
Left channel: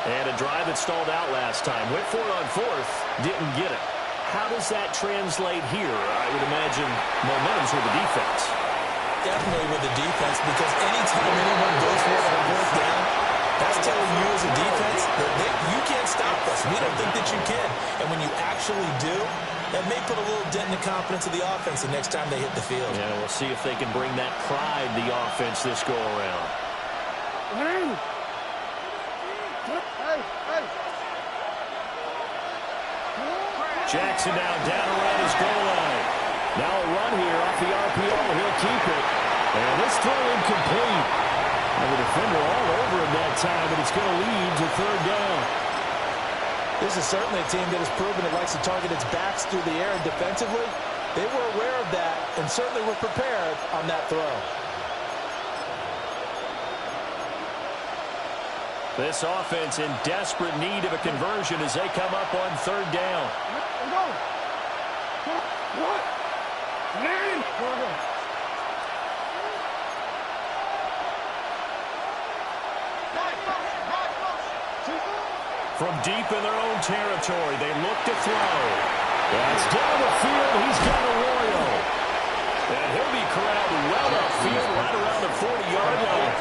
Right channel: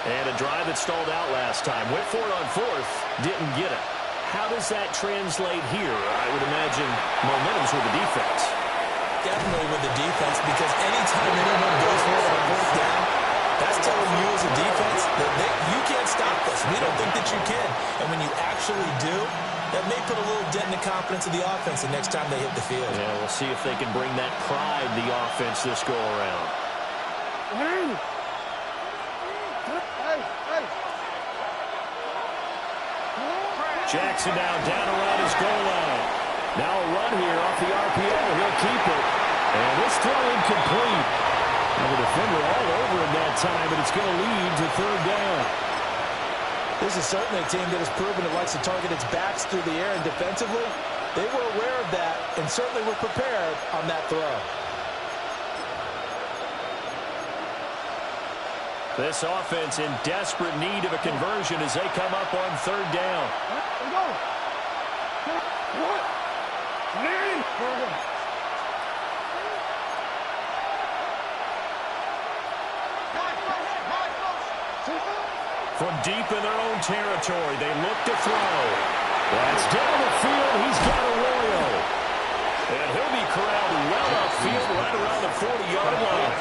And a drive that stalled out last time. Went for it on fourth, didn't get it. How does that translate here? I would imagine momentum's with the defense. Definitely with the defense, because anytime anyone goes for it on fourth down, that's telling you as a defense that you can't stop us. We don't think that you can. And when you actually do, that may put a little dent in the confidence of the offense the next time they hit the field. Yeah, we'll see if they can bring that pride, the offense, this go around. Jackson down around his goal line. Now a run here off the RPO. He'll keep it. And this throw incomplete. And the defender all over him that time, but it's going to lead to third down. This is certainly a team that has proven it likes to target its backs through the air, and defensively, they were aware of that and certainly were prepared on that throw. This offense in desperate need of a conversion as they come up on third down. From deep in their own territory, they look to throw. That's down the field. He's got Arroyo. And he'll be corralled well upfield right around the 40-yard line.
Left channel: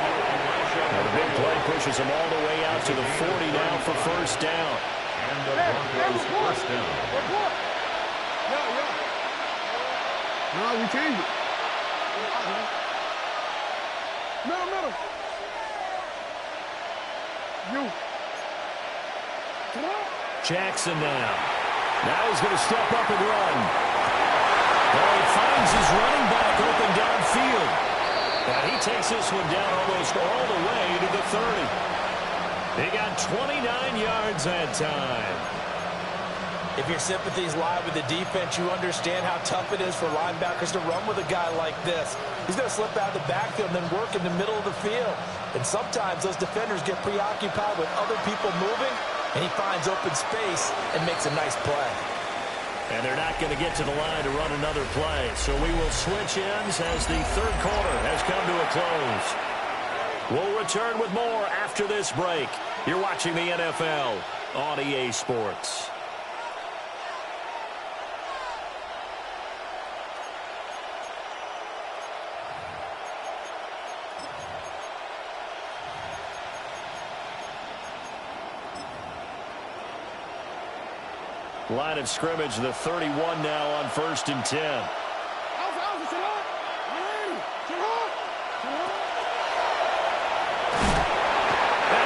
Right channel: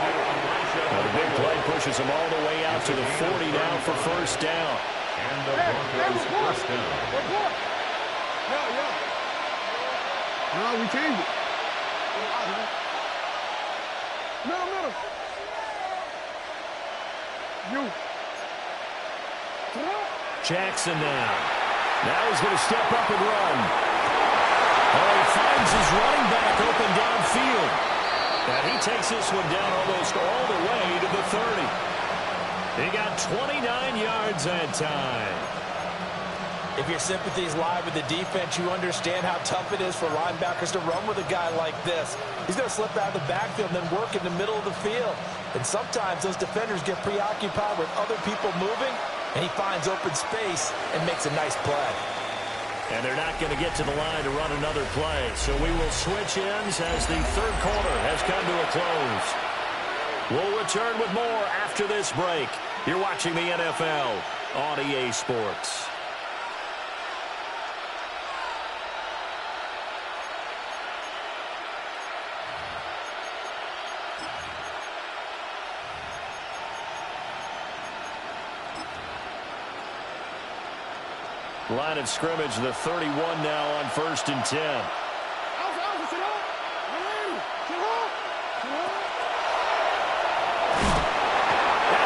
Now the big play pushes him all the way out to the 40 now for first down. And the Broncos first down. No, we changed it. Middle. You. Jackson now. Now he's going to step up and run. Oh, he finds his running back open downfield. And he takes this one down almost all the way to the 30. He got 29 yards that time. If your sympathies lie with the defense, you understand how tough it is for linebackers to run with a guy like this. He's going to slip out of the backfield and then work in the middle of the field. And sometimes those defenders get preoccupied with other people moving, and he finds open space and makes a nice play. And they're not going to get to the line to run another play. So we will switch ends as the third quarter has come to a close. We'll return with more after this break. You're watching the NFL on EA Sports. Line of scrimmage, the 31 now on 1st and 10. And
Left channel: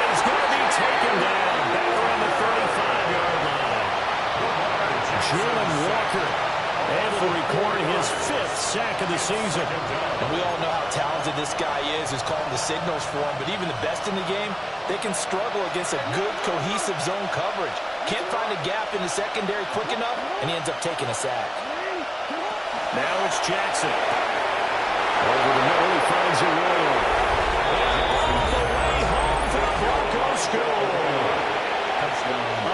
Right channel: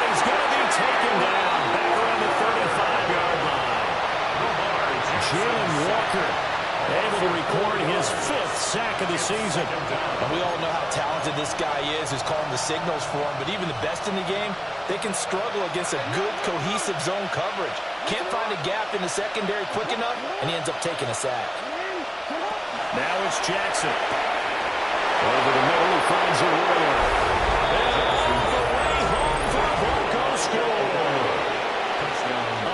he's going to be taken down back around the 35-yard line. Jalen Walker able to record his 5th sack of the season. And we all know how talented this guy is who's calling the signals for him, but even the best in the game, they can struggle against a good, cohesive zone coverage. Can't find a gap in the secondary quick enough, and he ends up taking a sack. Now it's Jackson. Over the middle, he finds Arroyo. And all the way home for the Broncos score.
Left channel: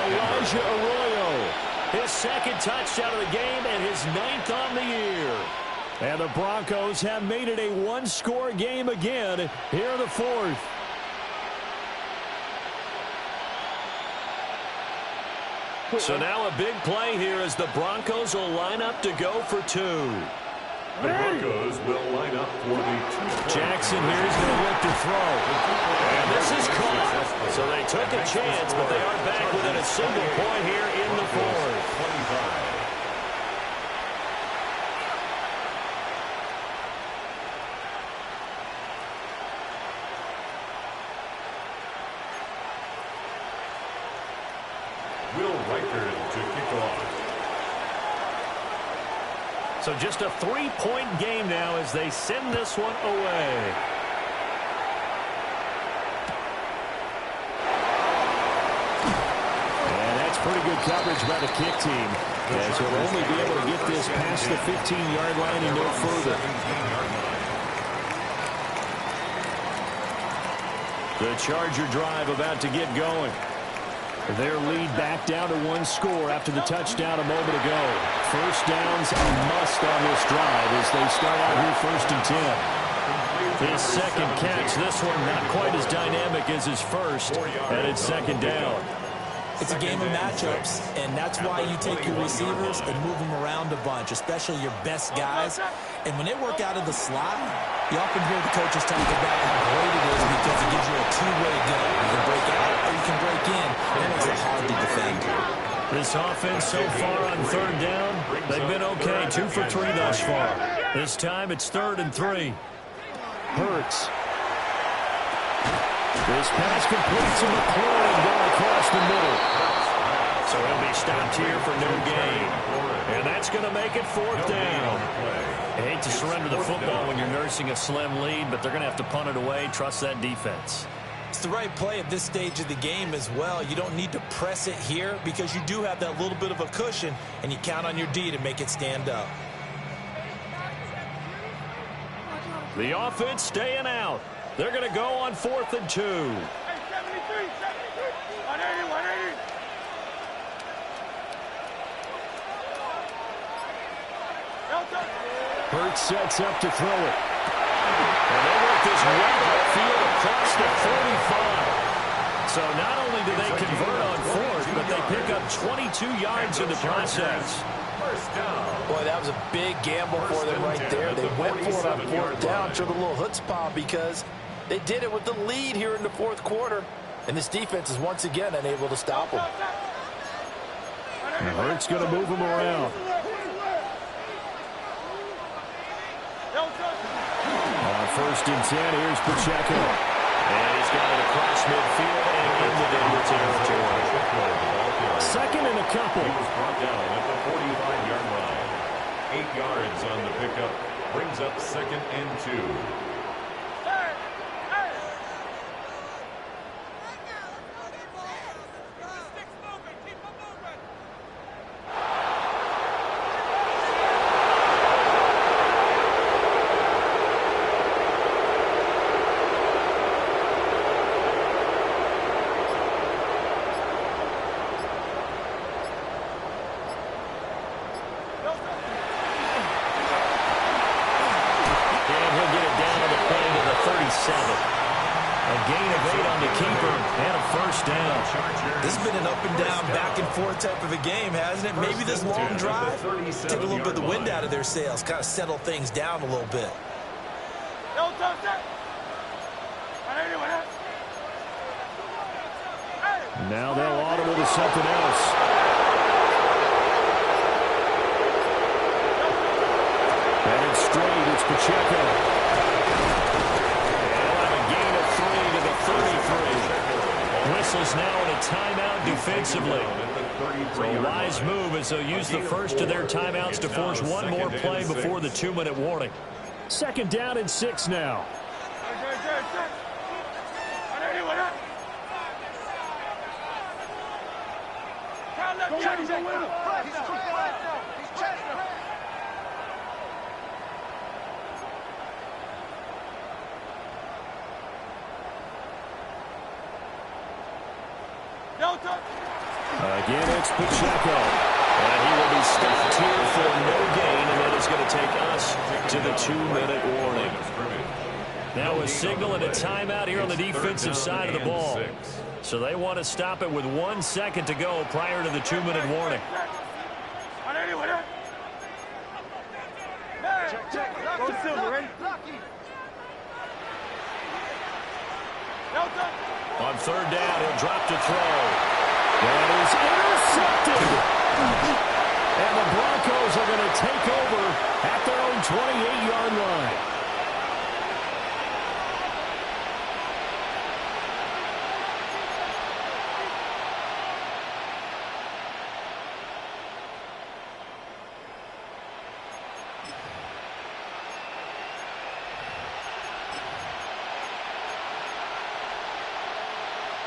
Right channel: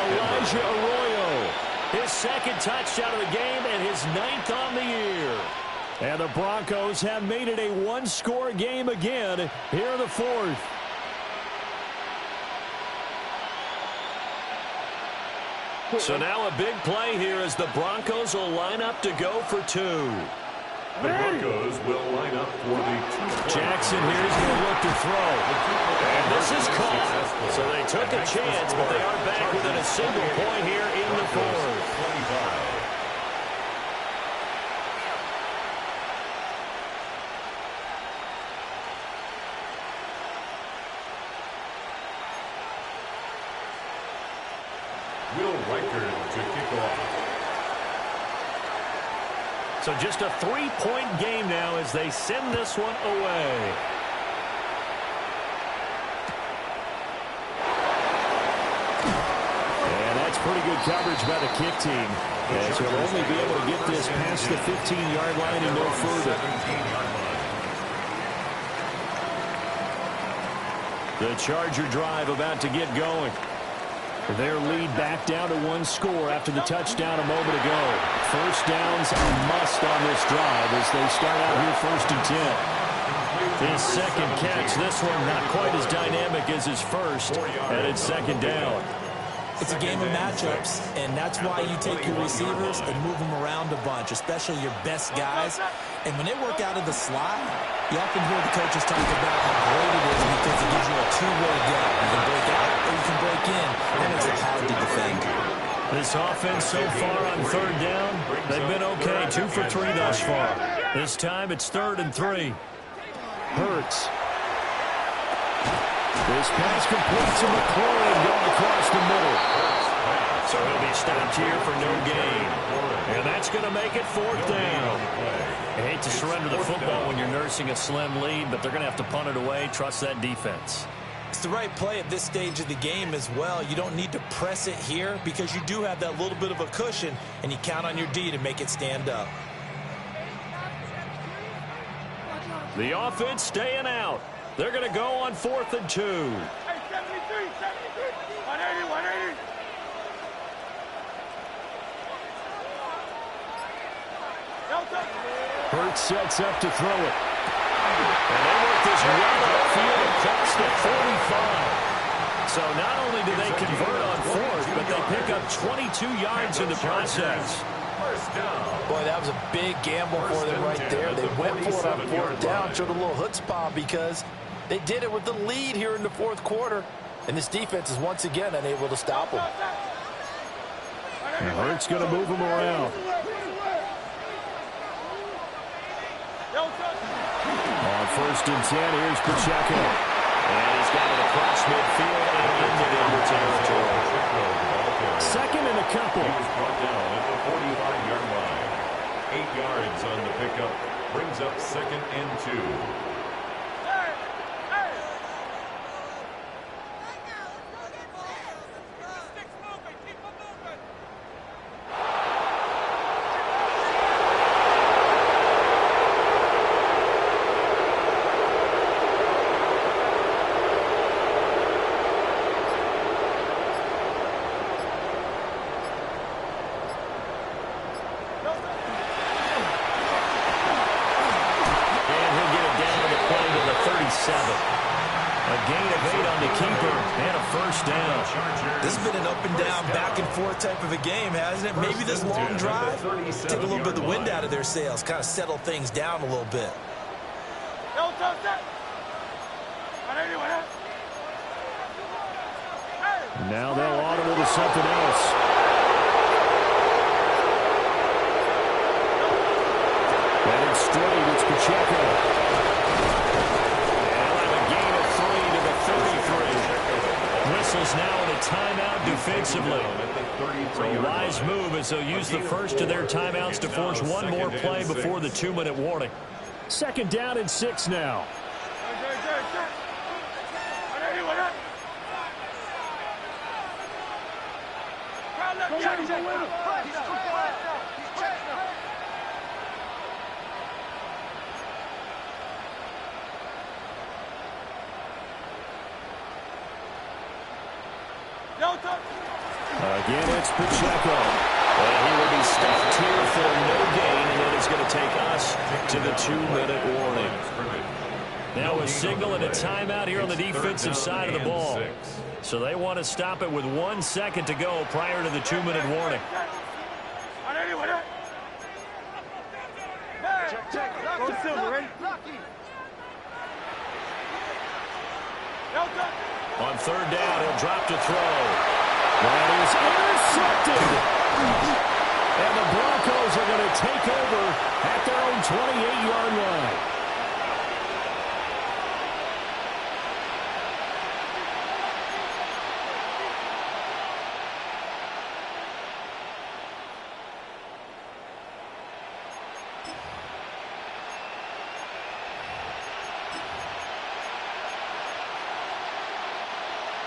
Elijah Arroyo. His 2nd touchdown of the game and his 9th on the year. And the Broncos have made it a one-score game again here in the 4th. So now a big play here as the Broncos will line up to go for two. The Broncos will line up for the 2-point. Jackson here is going to look to throw. And this is caught. So they took a chance, but they are back within a single point here in the fourth. 25. Will Reichard to kick off. So just a 3-point game now as they send this one away. And that's pretty good coverage by the kick team, as he'll only be able to get this past the 15-yard line and no further. 17-yard line. The Charger drive about to get going. Their lead back down to one score after the touchdown a moment ago. First down's a must on this drive as they start out here 1st and 10. His second catch, this one not quite as dynamic as his first, and it's 2nd down. It's a game of matchups, and that's why you take your receivers and move them around a bunch, especially your best guys. And when they work out of the slot, you often hear the coaches talk about how great it is because it gives you a two-way go. You can break out or you can break in. That makes it hard to defend. This offense so far on 3rd down, they've been okay, 2 for 3 thus far. This time it's 3rd and 3. Hurts. This pass complete to McLaurin going across the middle. So he'll be stopped here for no gain. And that's going to make it 4th down. I hate to surrender the football when you're nursing a slim lead, but they're going to have to punt it away. Trust that defense. It's the right play at this stage of the game as well. You don't need to press it here because you do have that little bit of a cushion, and you count on your D to make it stand up. The offense staying out. They're going to go on 4th and 2. Hey, 73, 180, 180. Hurts sets up to throw it. And they work this right upfield across the 45. So not only do they convert on 4th, but they pick up 22 yards in the process. First down. Boy, that was a big gamble for them right there. They went for it on 4th down, showed a little chutzpah because they did it with the lead here in the 4th quarter. And this defense is once again unable to stop them. And Hurts going to move him around. On 1st and 10, here's Pacheco. And he's got it across midfield and into Denver territory. 2nd and a couple. He was brought down at the 45-yard line. 8 yards on the pickup. Brings up 2nd and 2. A gain of 8 on the keeper and a 1st down. This has been an up and down, back and forth type of a game, hasn't it? Maybe this long drive, take a little bit of the wind out of their sails, kind of settle things down a little bit. Now they'll audible to something else. And it's straight, it's Pacheco. Whistles now in a timeout defensively. So a wise move as they'll use the first of their timeouts to force one more play before the 2-minute warning. 2nd down and 6 now. Again, it's Pacheco. And he will be stopped here for no gain, and then it's going to take us to the 2-minute warning. Now a signal and a timeout here on the defensive side of the ball. 6. So they want to stop it with 1 second to go prior to the 2-minute warning. Go Silver, ready? On third down, he'll drop to throw. That is intercepted. And the Broncos are going to take over at their own 28-yard line.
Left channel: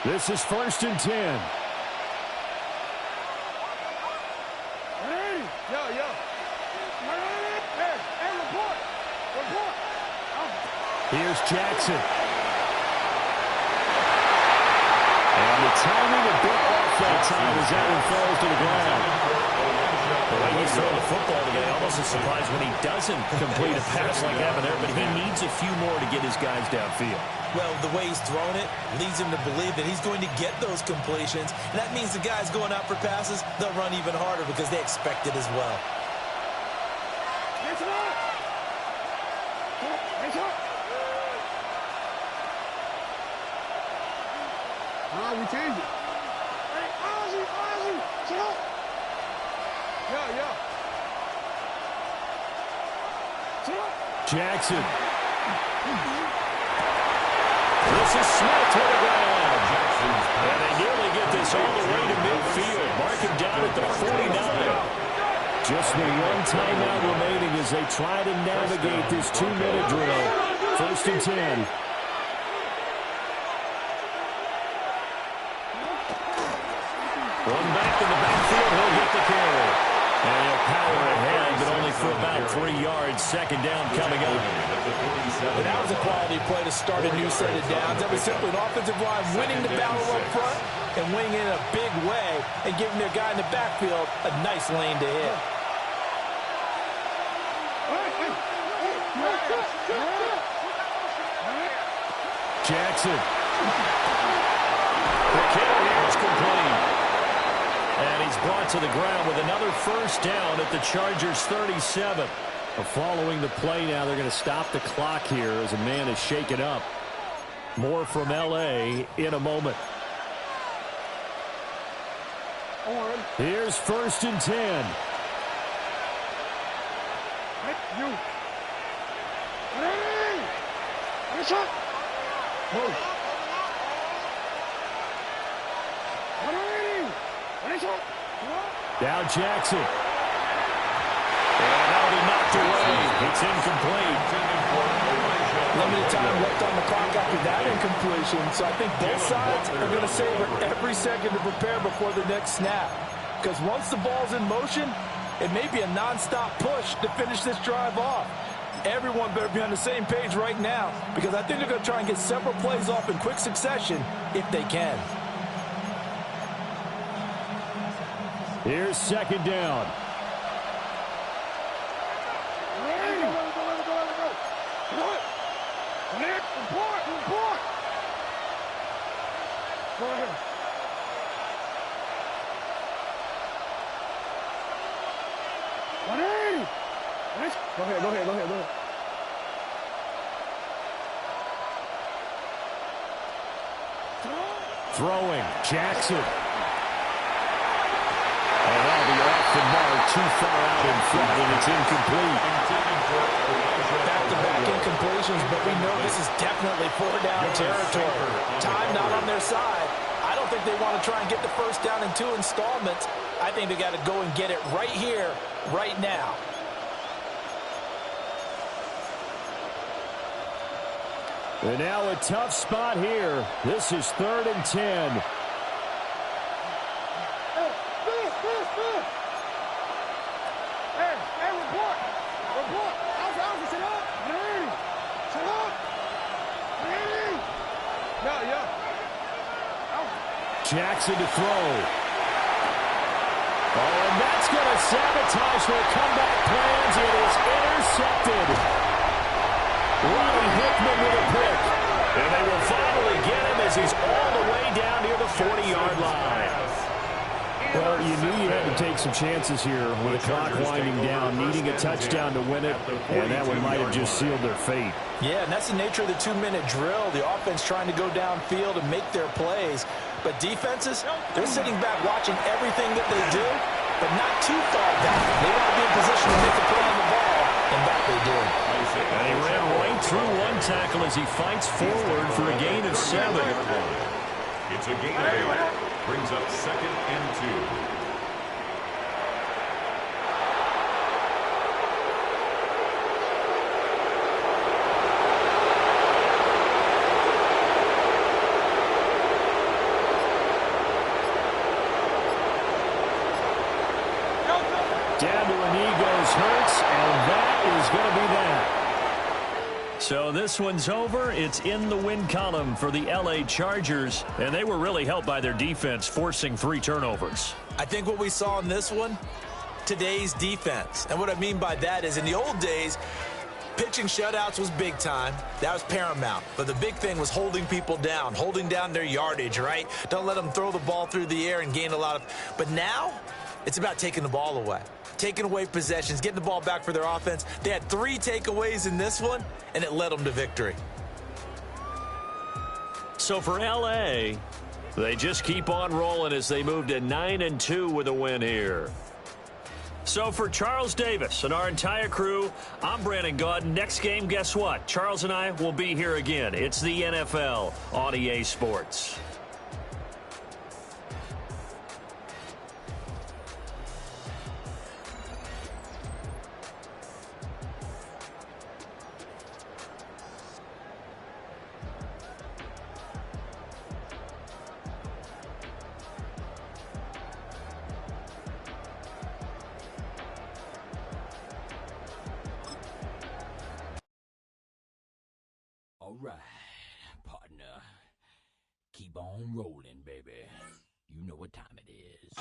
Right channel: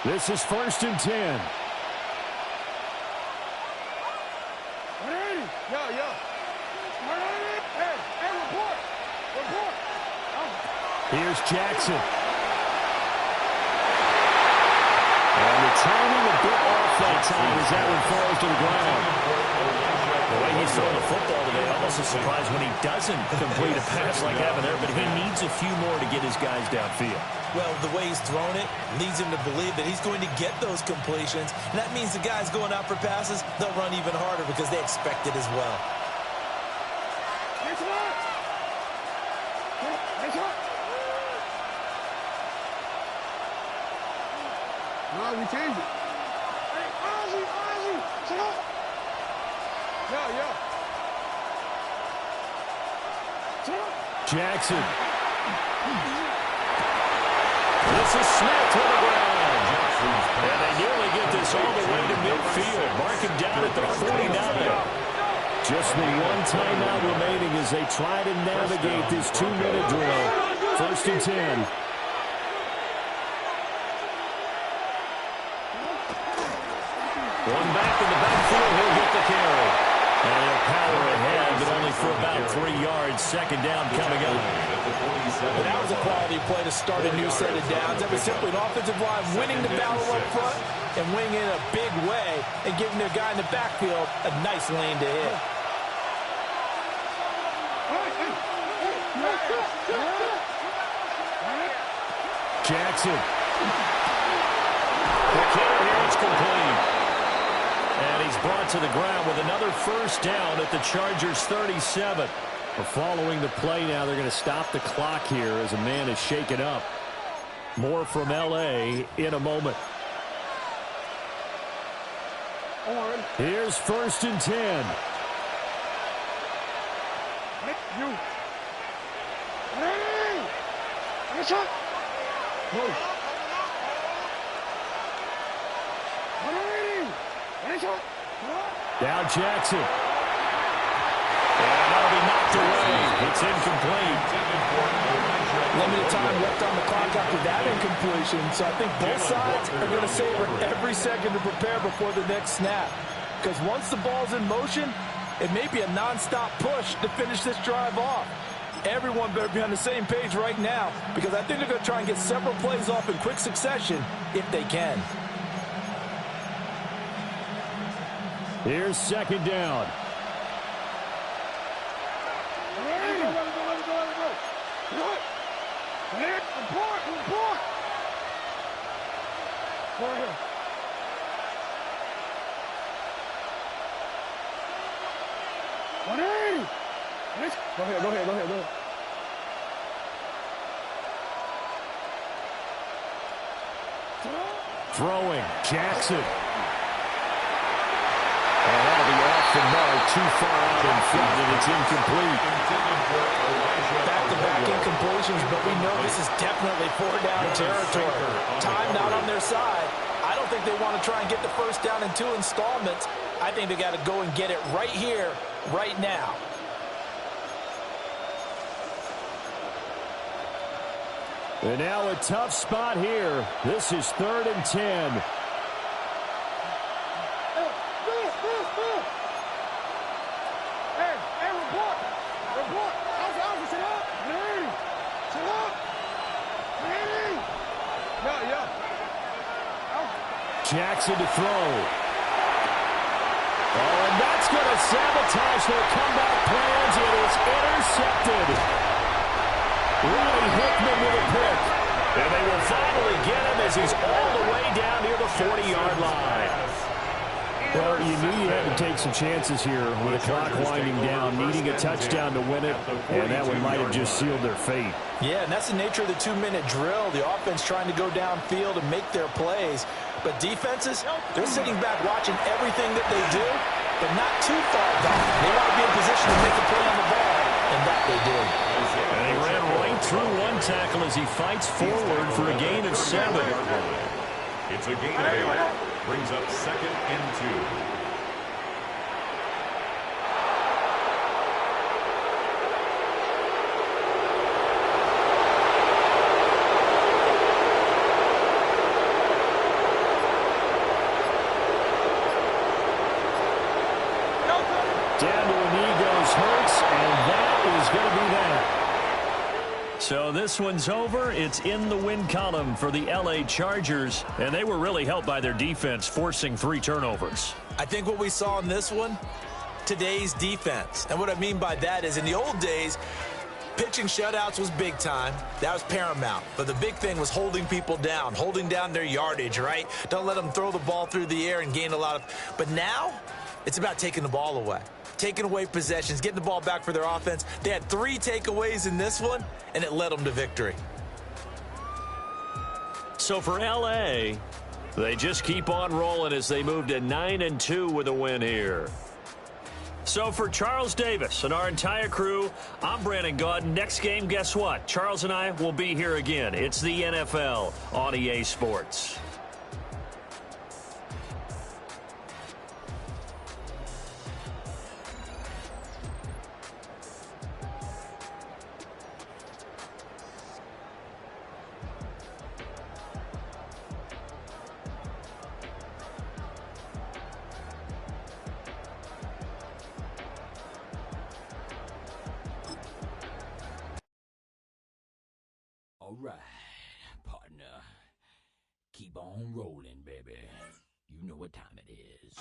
This is 1st and 10. 180. Yo. 180. Hey, report. Here's Jackson. And the timing a bit off that time as that one falls to the ground. The way he's throwing the football today, almost a surprise when he doesn't complete a pass like happened there, but he needs a few more to get his guys downfield. Well, the way he's thrown it leads him to believe that he's going to get those completions. And that means the guys going out for passes, they'll run even harder because they expect it as well. No, we changed it. Hey, Ozzy, sit up. Yo. Sit up. Jackson. This is Smith to the ground. And they nearly get this all the way to midfield. Mark him down at the 49. Just the one timeout remaining as they try to navigate this 2-minute drill. 1st and 10. One back in the backfield, he'll get the carry. And he'll power ahead, but only for about 3 yards. 2nd down coming up. But that was a quality play to start a new set of downs. That was simply an offensive line winning the battle up front and winning in a big way and giving their guy in the backfield a nice lane to hit. Jackson. The kick here is complete. And he's brought to the ground with another 1st down at the Chargers' 37. Following the play now, they're going to stop the clock here as a man is shaken up. More from L.A. in a moment. Here's 1st and 10. You. Down Jackson. And that'll be knocked away. It's incomplete. Limited time left on the clock after that incompletion, so I think both sides are going to savor every second to prepare before the next snap. Because once the ball's in motion, it may be a nonstop push to finish this drive off. Everyone better be on the same page right now because I think they're going to try and get several plays off in quick succession if they can. Here's 2nd down. Let it go. Report. Go ahead. Go ahead. Throwing. Jackson. And that'll be off the mark, too far out in front, and it's incomplete. Back-to-back incompletions, but we know this is definitely 4-down territory. Time not on their side. I don't think they want to try and get the 1st down in 2 installments. I think they got to go and get it right here, right now. And now a tough spot here. This is 3rd and 10. Report. Alpha, sit up. Sit up. Yeah. Jackson to throw. Oh, and that's going to sabotage their comeback plans. It is intercepted. Ronnie Hickman with a pick. And they will finally get him as he's all the way down near the 40-yard line. Well, you knew you had to take some chances here with the clock winding down, needing a touchdown to win it, and that one might have just sealed their fate. Yeah, and that's the nature of the 2-minute drill. The offense trying to go downfield and make their plays. But defenses, they're sitting back watching everything that they do, but not too far back. They want to be in position to make a play on the ball, and that they did. And he ran right through one tackle as he fights forward for a gain of 7. It's a gain of 8. Brings up 2nd and 2. Down to a knee goes Hurts, and that is going to be that. So this one's over. It's in the win column for the L.A. Chargers, and they were really helped by their defense, forcing 3 turnovers. I think what we saw in this one, today's defense. And what I mean by that is in the old days, pitching shutouts was big time. That was paramount. But the big thing was holding people down, holding down their yardage, right? Don't let them throw the ball through the air and gain a lot of... But now, it's about taking the ball away. Taking away possessions, getting the ball back for their offense. They had 3 takeaways in this one, and it led them to victory. So for L.A., they just keep on rolling as they move to 9-2 with a win here. So for Charles Davis and our entire crew, I'm Brandon Gaudin. Next game, guess what? Charles and I will be here again. It's the NFL on EA Sports. All right, partner. Keep on rolling, baby. You know what time it is.